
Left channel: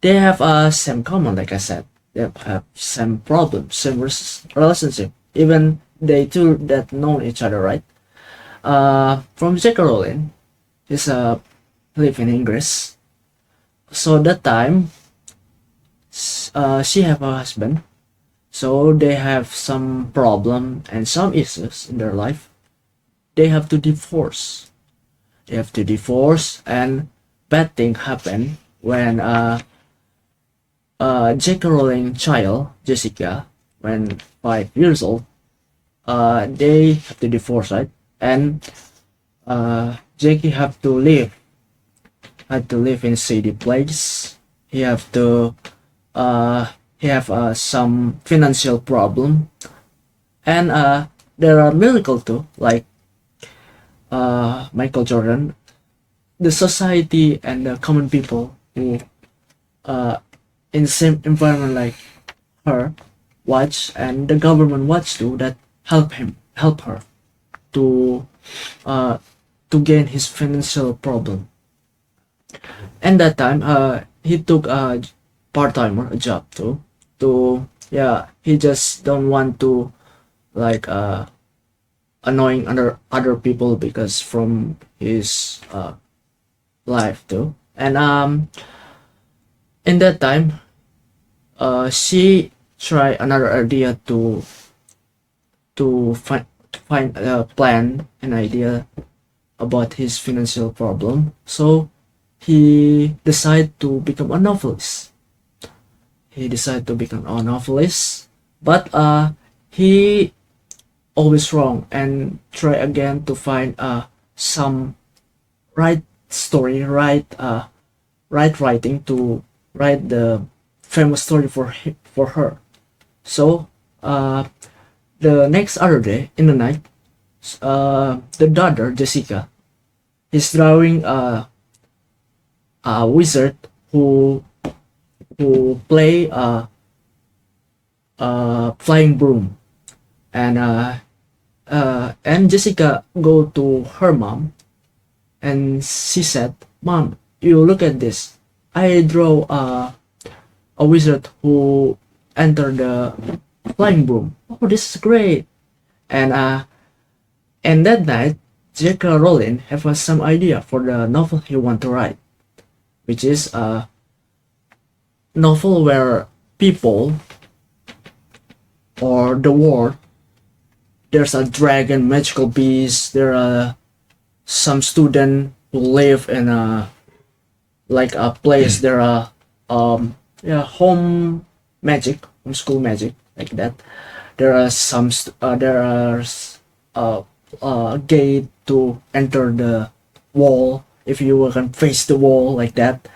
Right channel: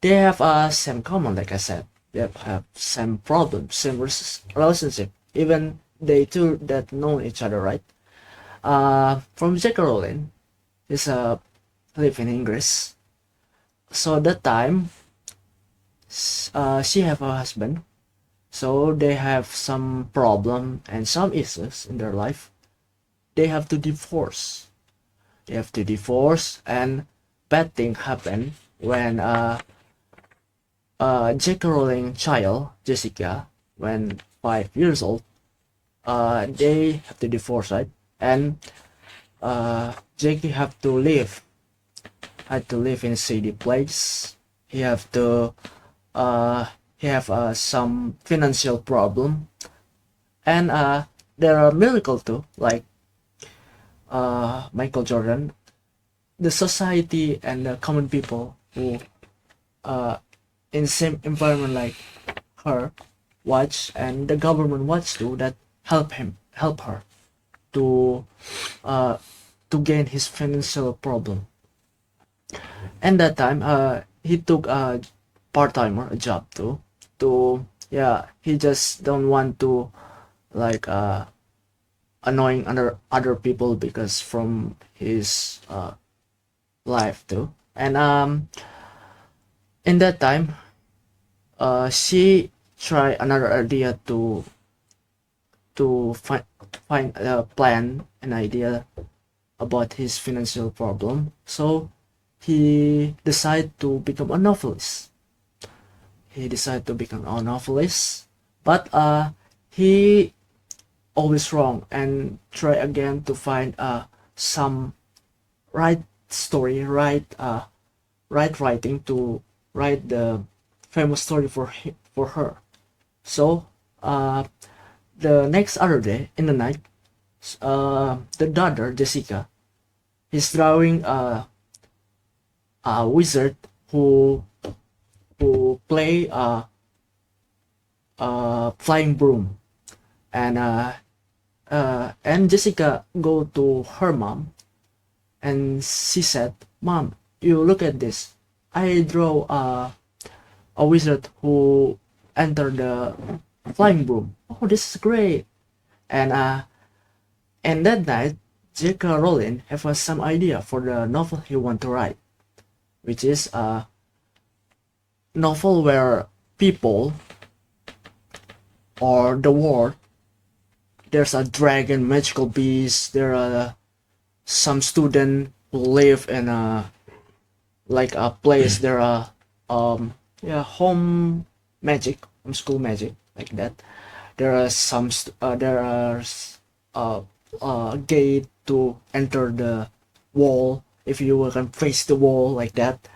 They have same common, like I said. They have same problems, same relationship. Even they two that know each other, right? From J.K. Rowling, he's live in English. So that time, she have a husband. So they have some problem and some issues in their life. They have to divorce. They have to divorce, and bad thing happen when J.K. Rowling child Jessica, when 5 years old, they have to divorce, right? And Jackie had to live in a city place. He have to uh he have some financial problem, and there are miracle too, like Michael Jordan. The society and the common people who uh in the same environment like her watch, and the government watch too, that help her to uh to gain his financial problem. And that time he took a part-timer, a job too, to yeah, he just don't want to like annoying other people because from his life too. And in that time she try another idea to find a plan, an idea about his financial problem. So he decided to become a novelist. He decided to become a novelist, but he always wrong and try again to find some right story, right writing to write the famous story for her. So the next other day in the night, the daughter Jessica is drawing a wizard who play a flying broom, and Jessica go to her mom, and she said, "Mom, you look at this. I draw a wizard who enter the flying broom. Oh, this is great!" And that night, J.K. Rowling have some idea for the novel he want to write, which is a novel where people or the world, there's a dragon, magical beast. There are some student who live in a like a place. There are yeah, home magic, home school magic, like that. There are there are a gate to enter the wall if you can face the wall, like that.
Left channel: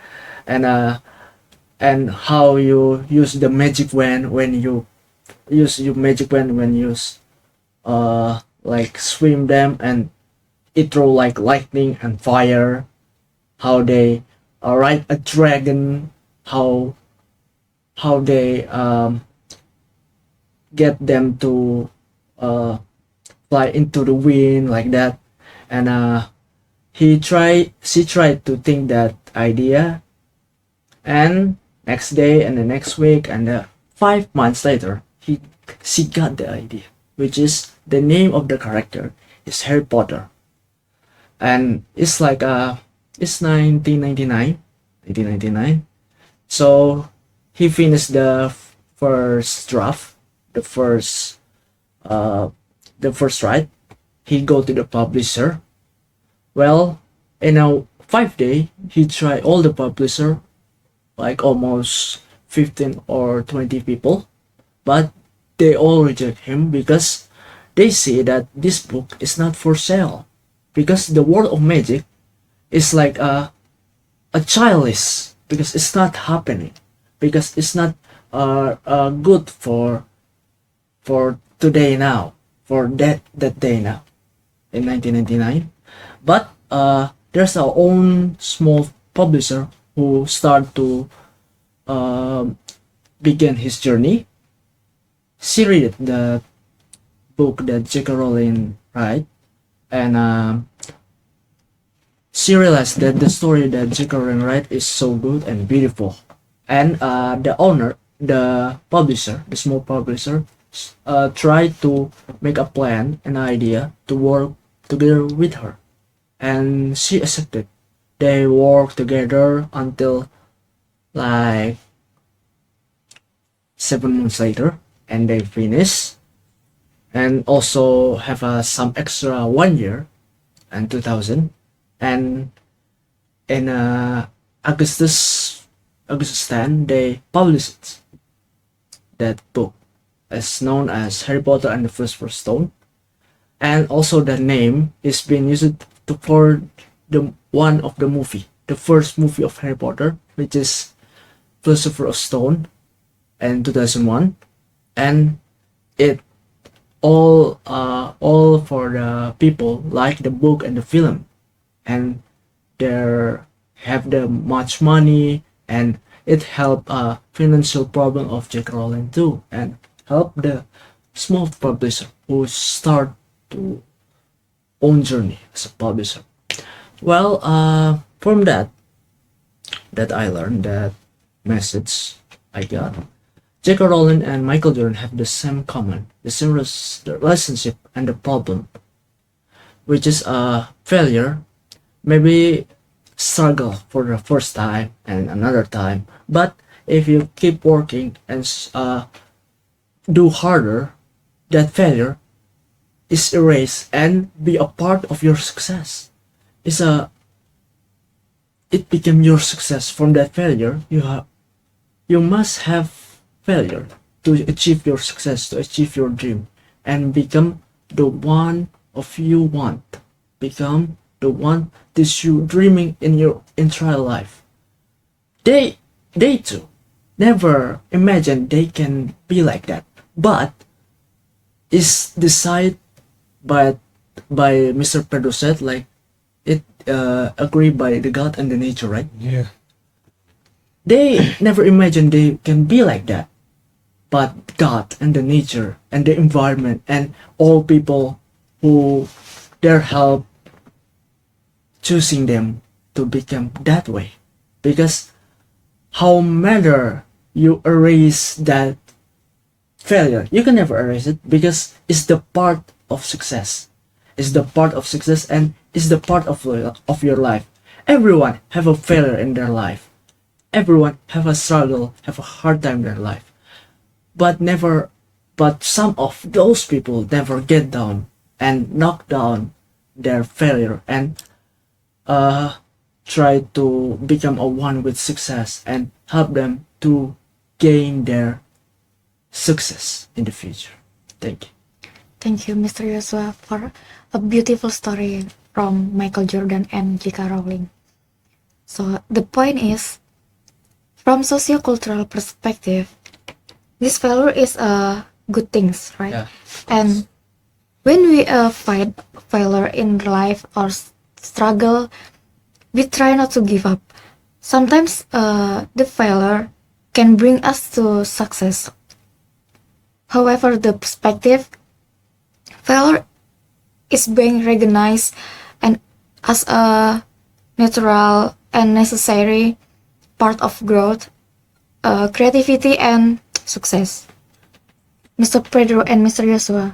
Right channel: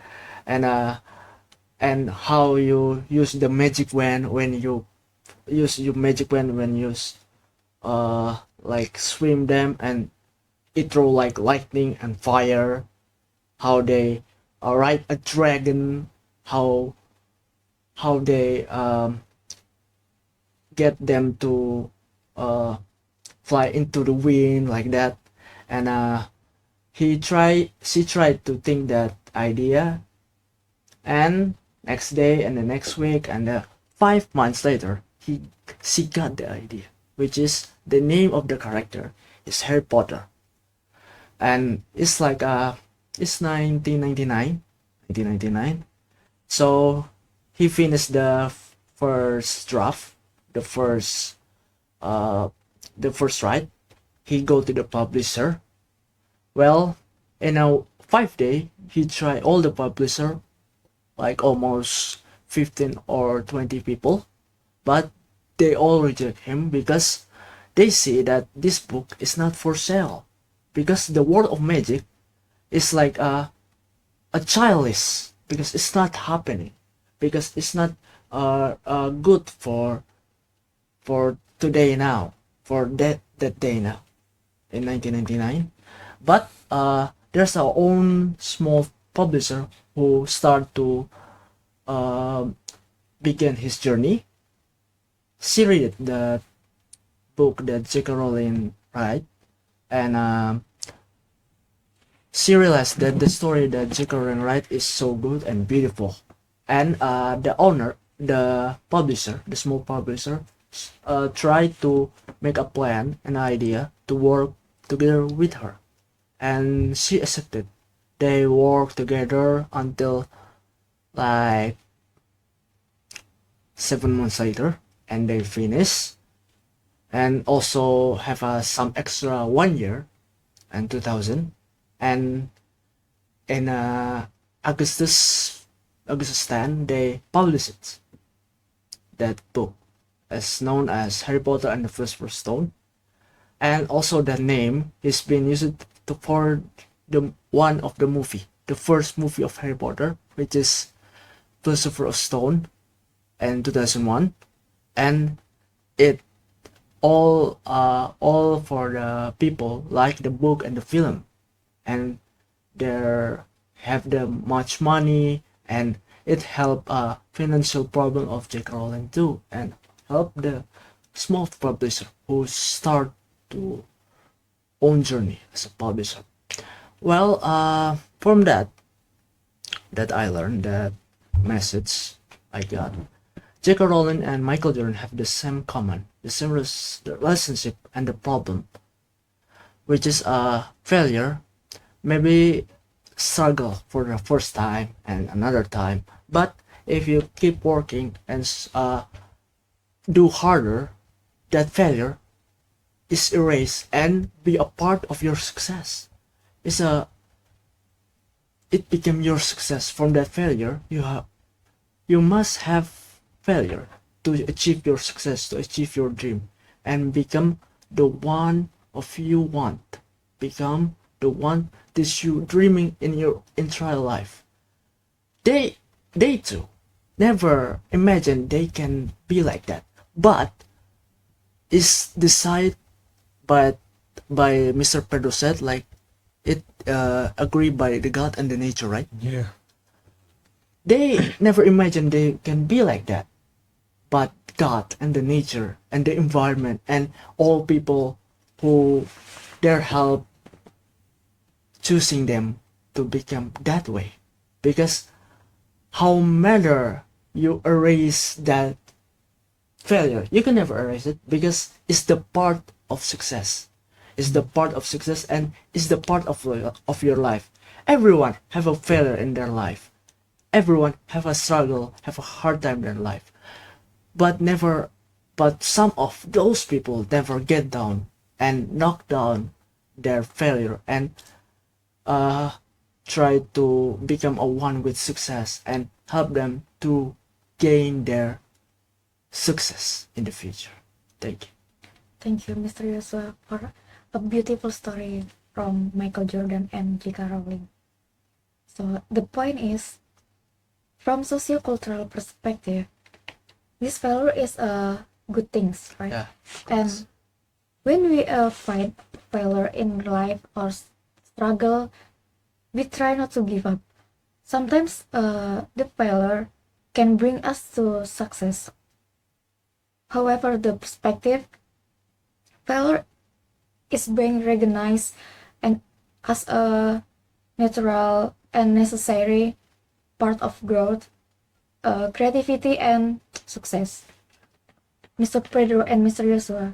And how you use the magic wand when you use your magic wand when you like swim them, and it throw like lightning and fire. How they ride a dragon, how they get them to uh, fly into the wind, like that. And she tried to think that idea, and next day and the next week and 5 months later, she got the idea, which is the name of the character is Harry Potter. And it's like it's 1999. So he finished the first draft, the first uh the first write. He go to the publisher. Well, in a 5 day, he tried all the publisher, like almost 15 or 20 people, but they all reject him because they see that this book is not for sale, because the world of magic is like a childish, because it's not happening, because it's not good for today now, for that day now in 1999. But there's our own small publisher who start to uh, begin his journey. She read the book that J.K. Rowling write, and she realized that the story that J.K. Rowling write is so good and beautiful, and the owner, the publisher, the small publisher, tried to make a plan, an idea to work together with her, and she accepted. They worked together until like 7 months later, and they finish, and also have some extra 1 year and 2000, and in Augustus 10 they published that book as known as Harry Potter and the Philosopher's Stone, and also the name is being used for the one of the movie, the first movie of Harry Potter, which is Philosopher's Stone in 2001, and it all for the people like the book and the film, and they have the much money, and it help financial problem of J.K. Rowling too, and help the small publisher who start to own journey as a publisher. Well, from that I learned that message I got. J.K. Rowling and Michael Jordan have the same common, the same relationship and the problem, which is a failure, maybe struggle for the first time and another time, but if you keep working and do harder, that failure is erased and be a part of your success. It became your success. From that failure, you must have failure to achieve your success, to achieve your dream, and become the one of you want, become the one that you dreaming in your entire life. They too never imagine they can be like that, but is decided by Mr. Pedro said, like it agreed by the God and the nature, right? Yeah. They never imagined they can be like that, but God and the nature and the environment and all people who their help choosing them to become that way. Because how matter you erase that failure, you can never erase it because it's the part of success. It's the part of success and it's the part of your life. Everyone have a failure in their life. Everyone have a struggle, have a hard time in their life. But some of those people never get down and knock down their failure and try to become a one with success and help them to gain their success in the future. Thank you. Thank you, Mr. Yosua, for a beautiful story from Michael Jordan and J.K. Rowling. So the point is, from sociocultural perspective, this failure is a good things, right? Yeah. And when we fight failure in life or struggle, we try not to give up. Sometimes the failure can bring us to success. However, the perspective, failure is being recognized and as a natural and necessary part of growth, creativity, and success. Mr. Pedro and Mr. Yosua,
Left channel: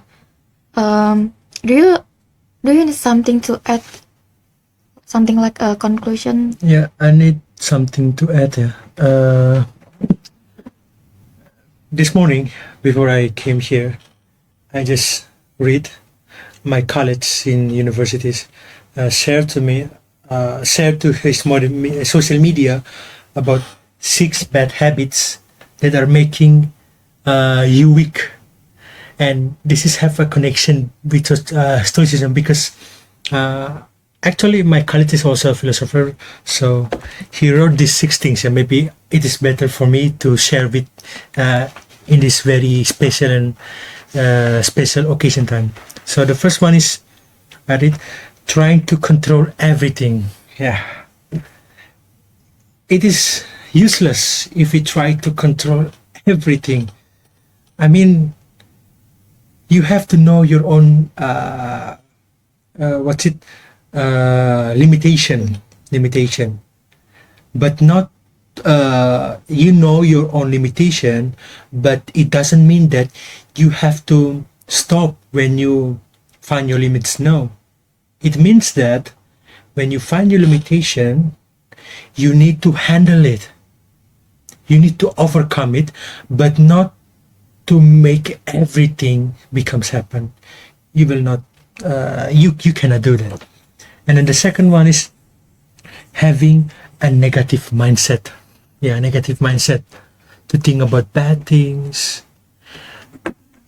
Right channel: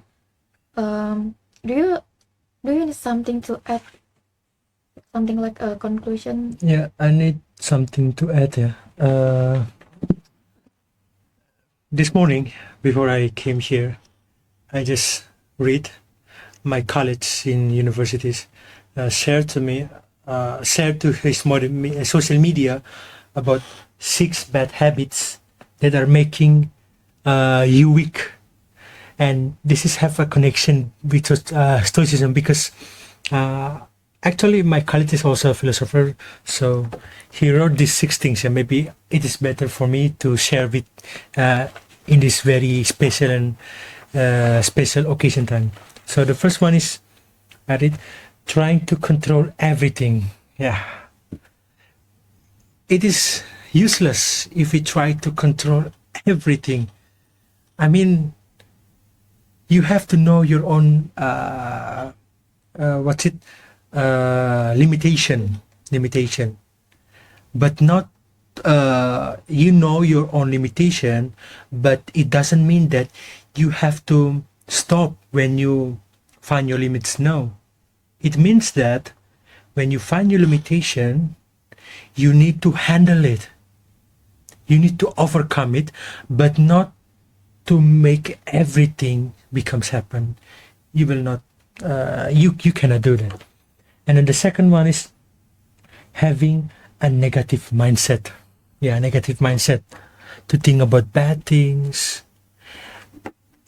do you need something to add? Something like a conclusion? Yeah, I need something to add here. This morning, before I came here, I just read my colleagues in universities shared to his social media about 6 bad habits that are making you weak, and this is have a connection with Stoicism because actually my colleague is also a philosopher, so he wrote these 6 things, and maybe it is better for me to share with in this very special and special occasion time. So the first one is trying to control everything. Yeah, it is useless if we try to control everything. I mean, you have to know your own limitation, but not you know your own limitation, but it doesn't mean that you have to stop when you find your limits. No, it means that when you find your limitation, you need to handle it. You need to overcome it, but not to make everything becomes happen. You will not. You cannot do that. And then the second one is having a negative mindset. Yeah, negative mindset to think about bad things.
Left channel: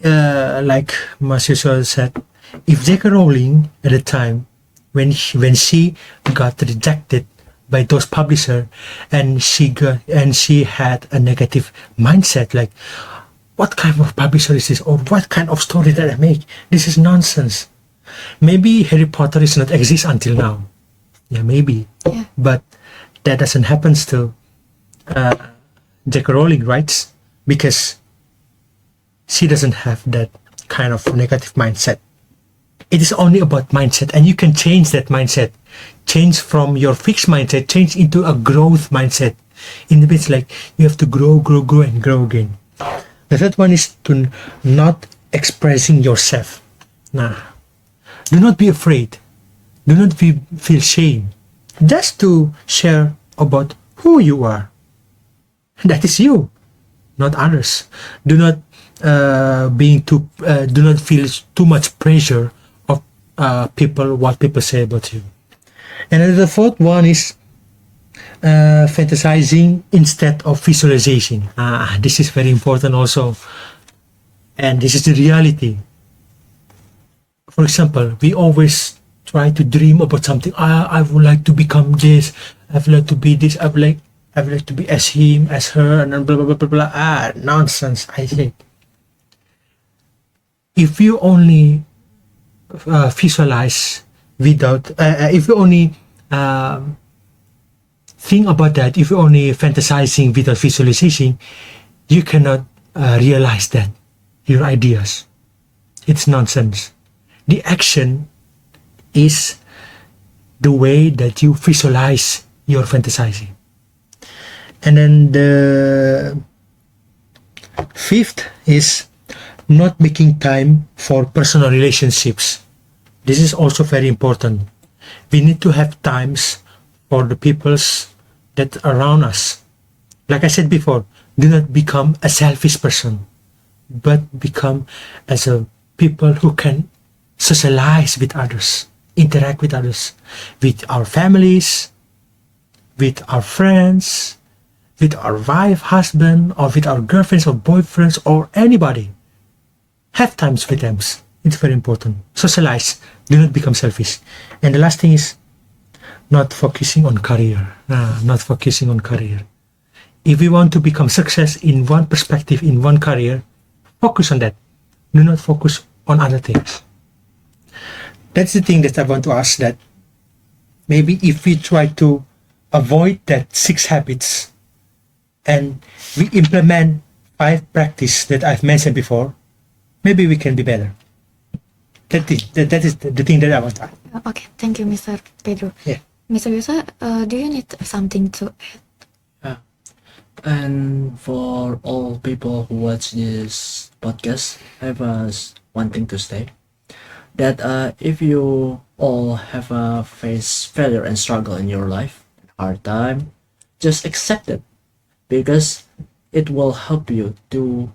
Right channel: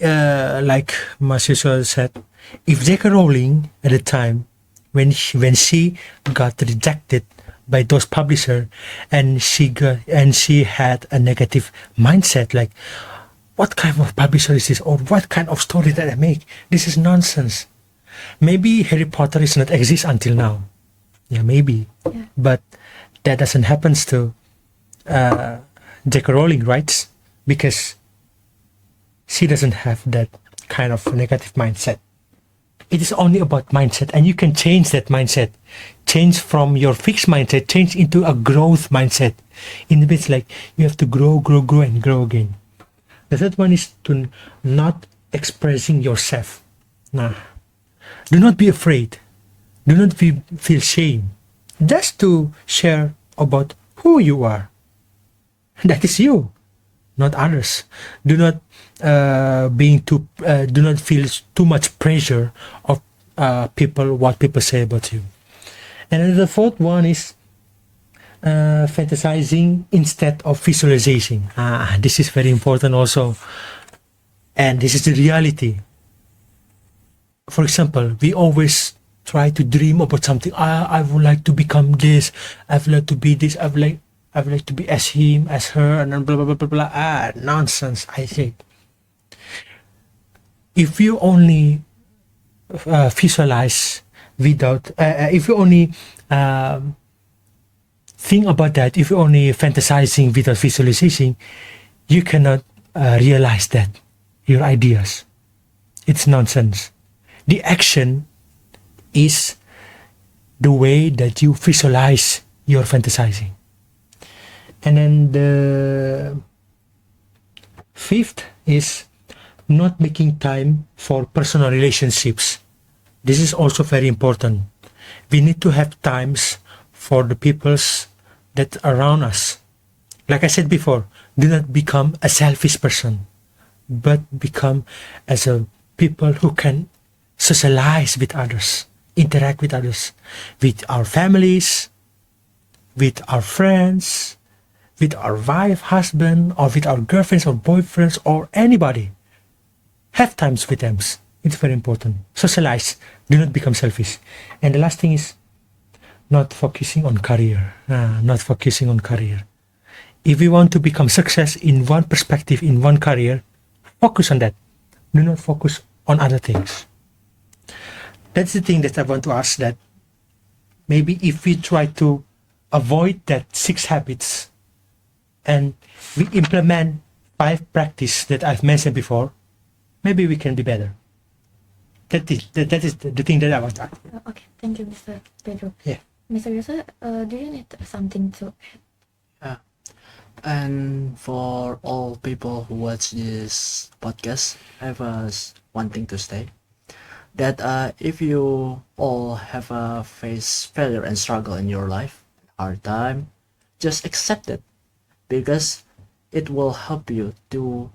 Like Marcus Aurelius said, if J.K. Rowling at the time when she got rejected by those publisher and she had a negative mindset like, what kind of publisher is this, or what kind of story that I make? This is nonsense. Maybe Harry Potter is not exist until now. Yeah, maybe. Yeah. But that doesn't happen to J.K. Rowling, right? Because she doesn't have that kind of negative mindset. It is only about mindset, and you can change that mindset. Change from your fixed mindset, change into a growth mindset. In the bit like you have to grow, and grow again. The third one is to not expressing yourself. Nah. Do not be afraid. Do not feel shame. Just to share about who you are. That is you, not others. Do not do not feel too much pressure of what people say about you. And then the fourth one is fantasizing instead of visualizing. This is very important also, and this is the reality. For example, we always try to dream about something. I would like to become this. I would like to be this. I would like to be as him, as her, and then blah blah blah blah blah. Nonsense, I say. If you only visualize without, if you only think about that, if you only fantasizing without visualization, you cannot realize that your ideas. It's nonsense. The action is the way that you visualize your fantasizing. And then the fifth is not making time for personal relationships. This is also very important. We need to have times for the peoples that are around us. Like I said before, do not become a selfish person, but become as a people who can socialize with others, interact with others, with our families, with our friends, with our wife, husband, or with our girlfriends or boyfriends or anybody. Have times with them. It's very important. Socialize. Do not become selfish. And the last thing is not focusing on career. Not focusing on career. If you want to become success in one perspective, in one career, focus on that. Do not focus on other things. That's the thing that I want to ask, that maybe if we try to avoid that 6 habits and we implement 5 practice that I've mentioned before, maybe we can be better. That is the thing that I want to ask. Okay, thank you, Mr. Pedro. Yeah. Mr. Yosua, do you need something to add? And for all people who watch this podcast, I have one thing to say, that if you all have face failure and struggle in your life, hard time, just accept it, because it will help you to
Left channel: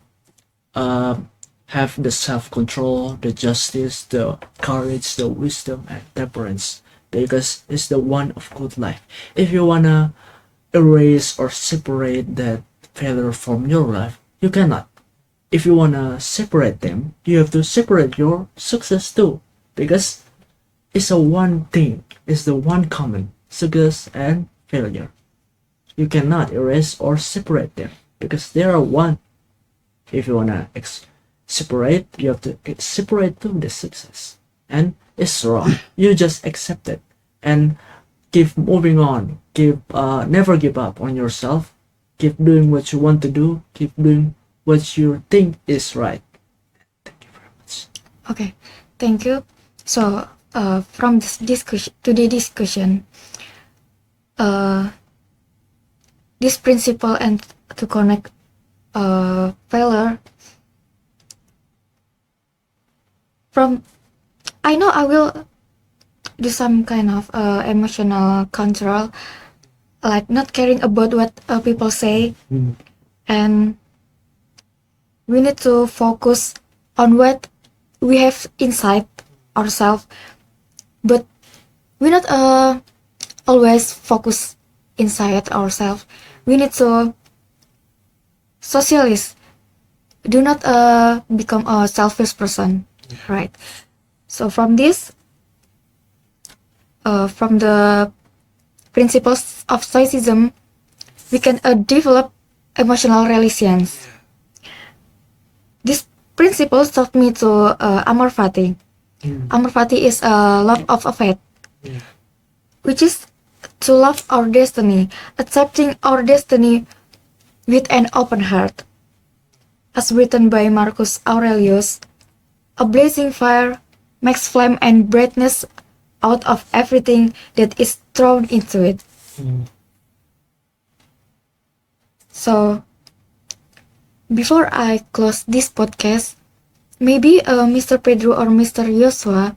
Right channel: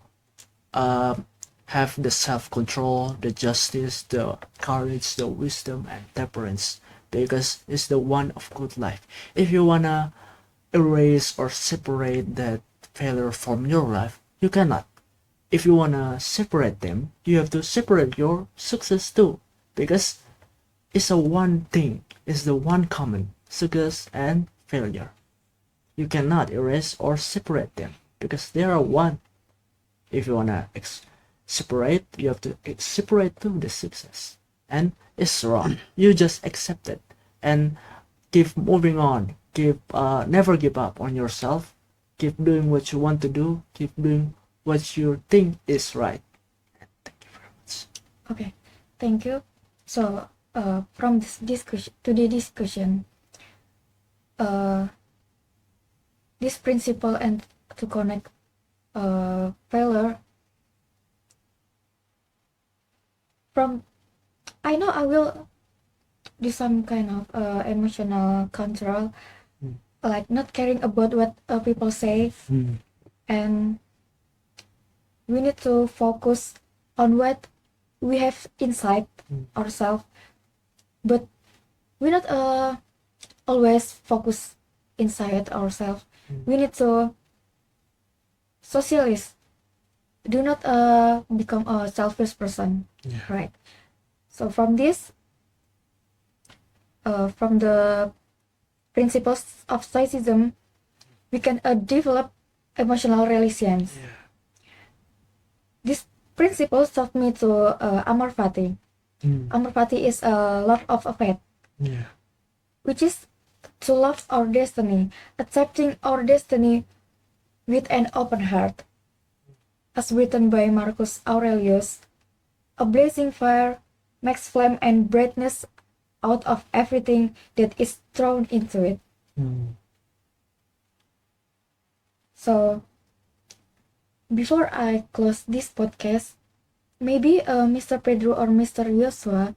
have the self-control, the justice, the courage, the wisdom, and temperance, because it's the one of good life. If you wanna erase or separate that failure from your life, you cannot. If you wanna separate them, you have to separate your success too, because it's a one thing, it's the one common, success and failure. You cannot erase or separate them, because they are one. If you wanna separate, you have to separate to the success, and it's wrong. You just accept it and keep moving on. Never give up on yourself. Keep doing what you want to do. Keep doing what you think is right. Thank you very much. Okay, thank you. So, from this discussion today discussion, this principle and to connect failure from. I know I will do some kind of emotional control, like not caring about what people say, and we need to focus on what we have inside ourselves, but we not always focus inside ourselves. We need to socialize. Do not become a selfish person, right? So from this, from the principles of Stoicism, we can develop emotional resilience. This principle taught me to amor fati. Amor fati is a love of a faith, which is to love our destiny, accepting our destiny with an open heart. As written by Marcus Aurelius, a blazing fire makes flame and brightness out of everything that is thrown into it. So, before I close this podcast, maybe Mr. Pedro or Mr. Yosua,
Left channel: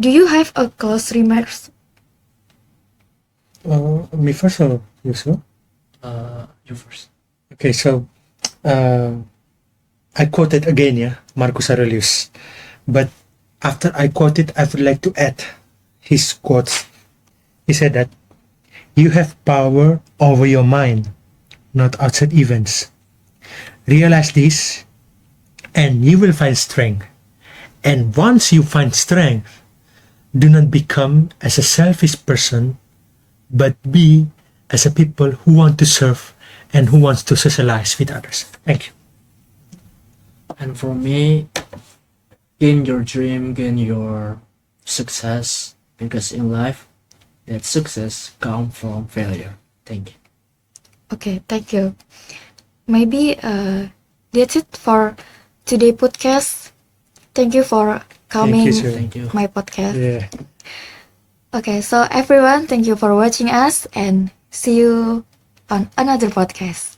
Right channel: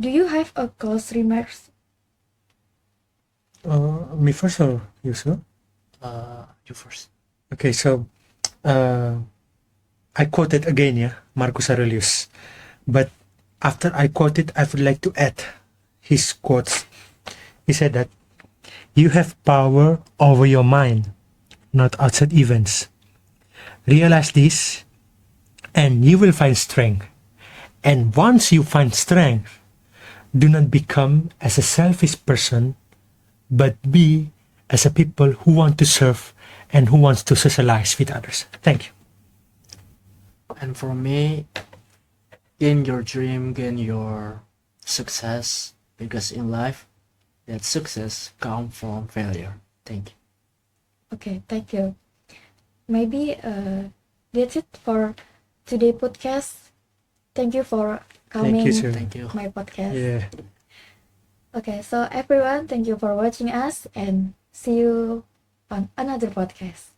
do you have a close remarks? Me first or you, sir? You first. Okay, so I quoted again, yeah, Marcus Aurelius. But after I quote it, I would like to add his quotes. He said that you have power over your mind, not outside events. Realize this, and you will find strength. And once you find strength, do not become as a selfish person, but be as a people who want to serve and who wants to socialize with others. Thank you. And for me, gain your dream, gain your success, because in life, that success comes from failure. Thank you. Okay, thank you. Maybe that's it for today podcast. Thank you for coming Thank you, sir. Thank you. my podcast. Yeah. Okay, so everyone, thank you for watching us and see you on another podcast.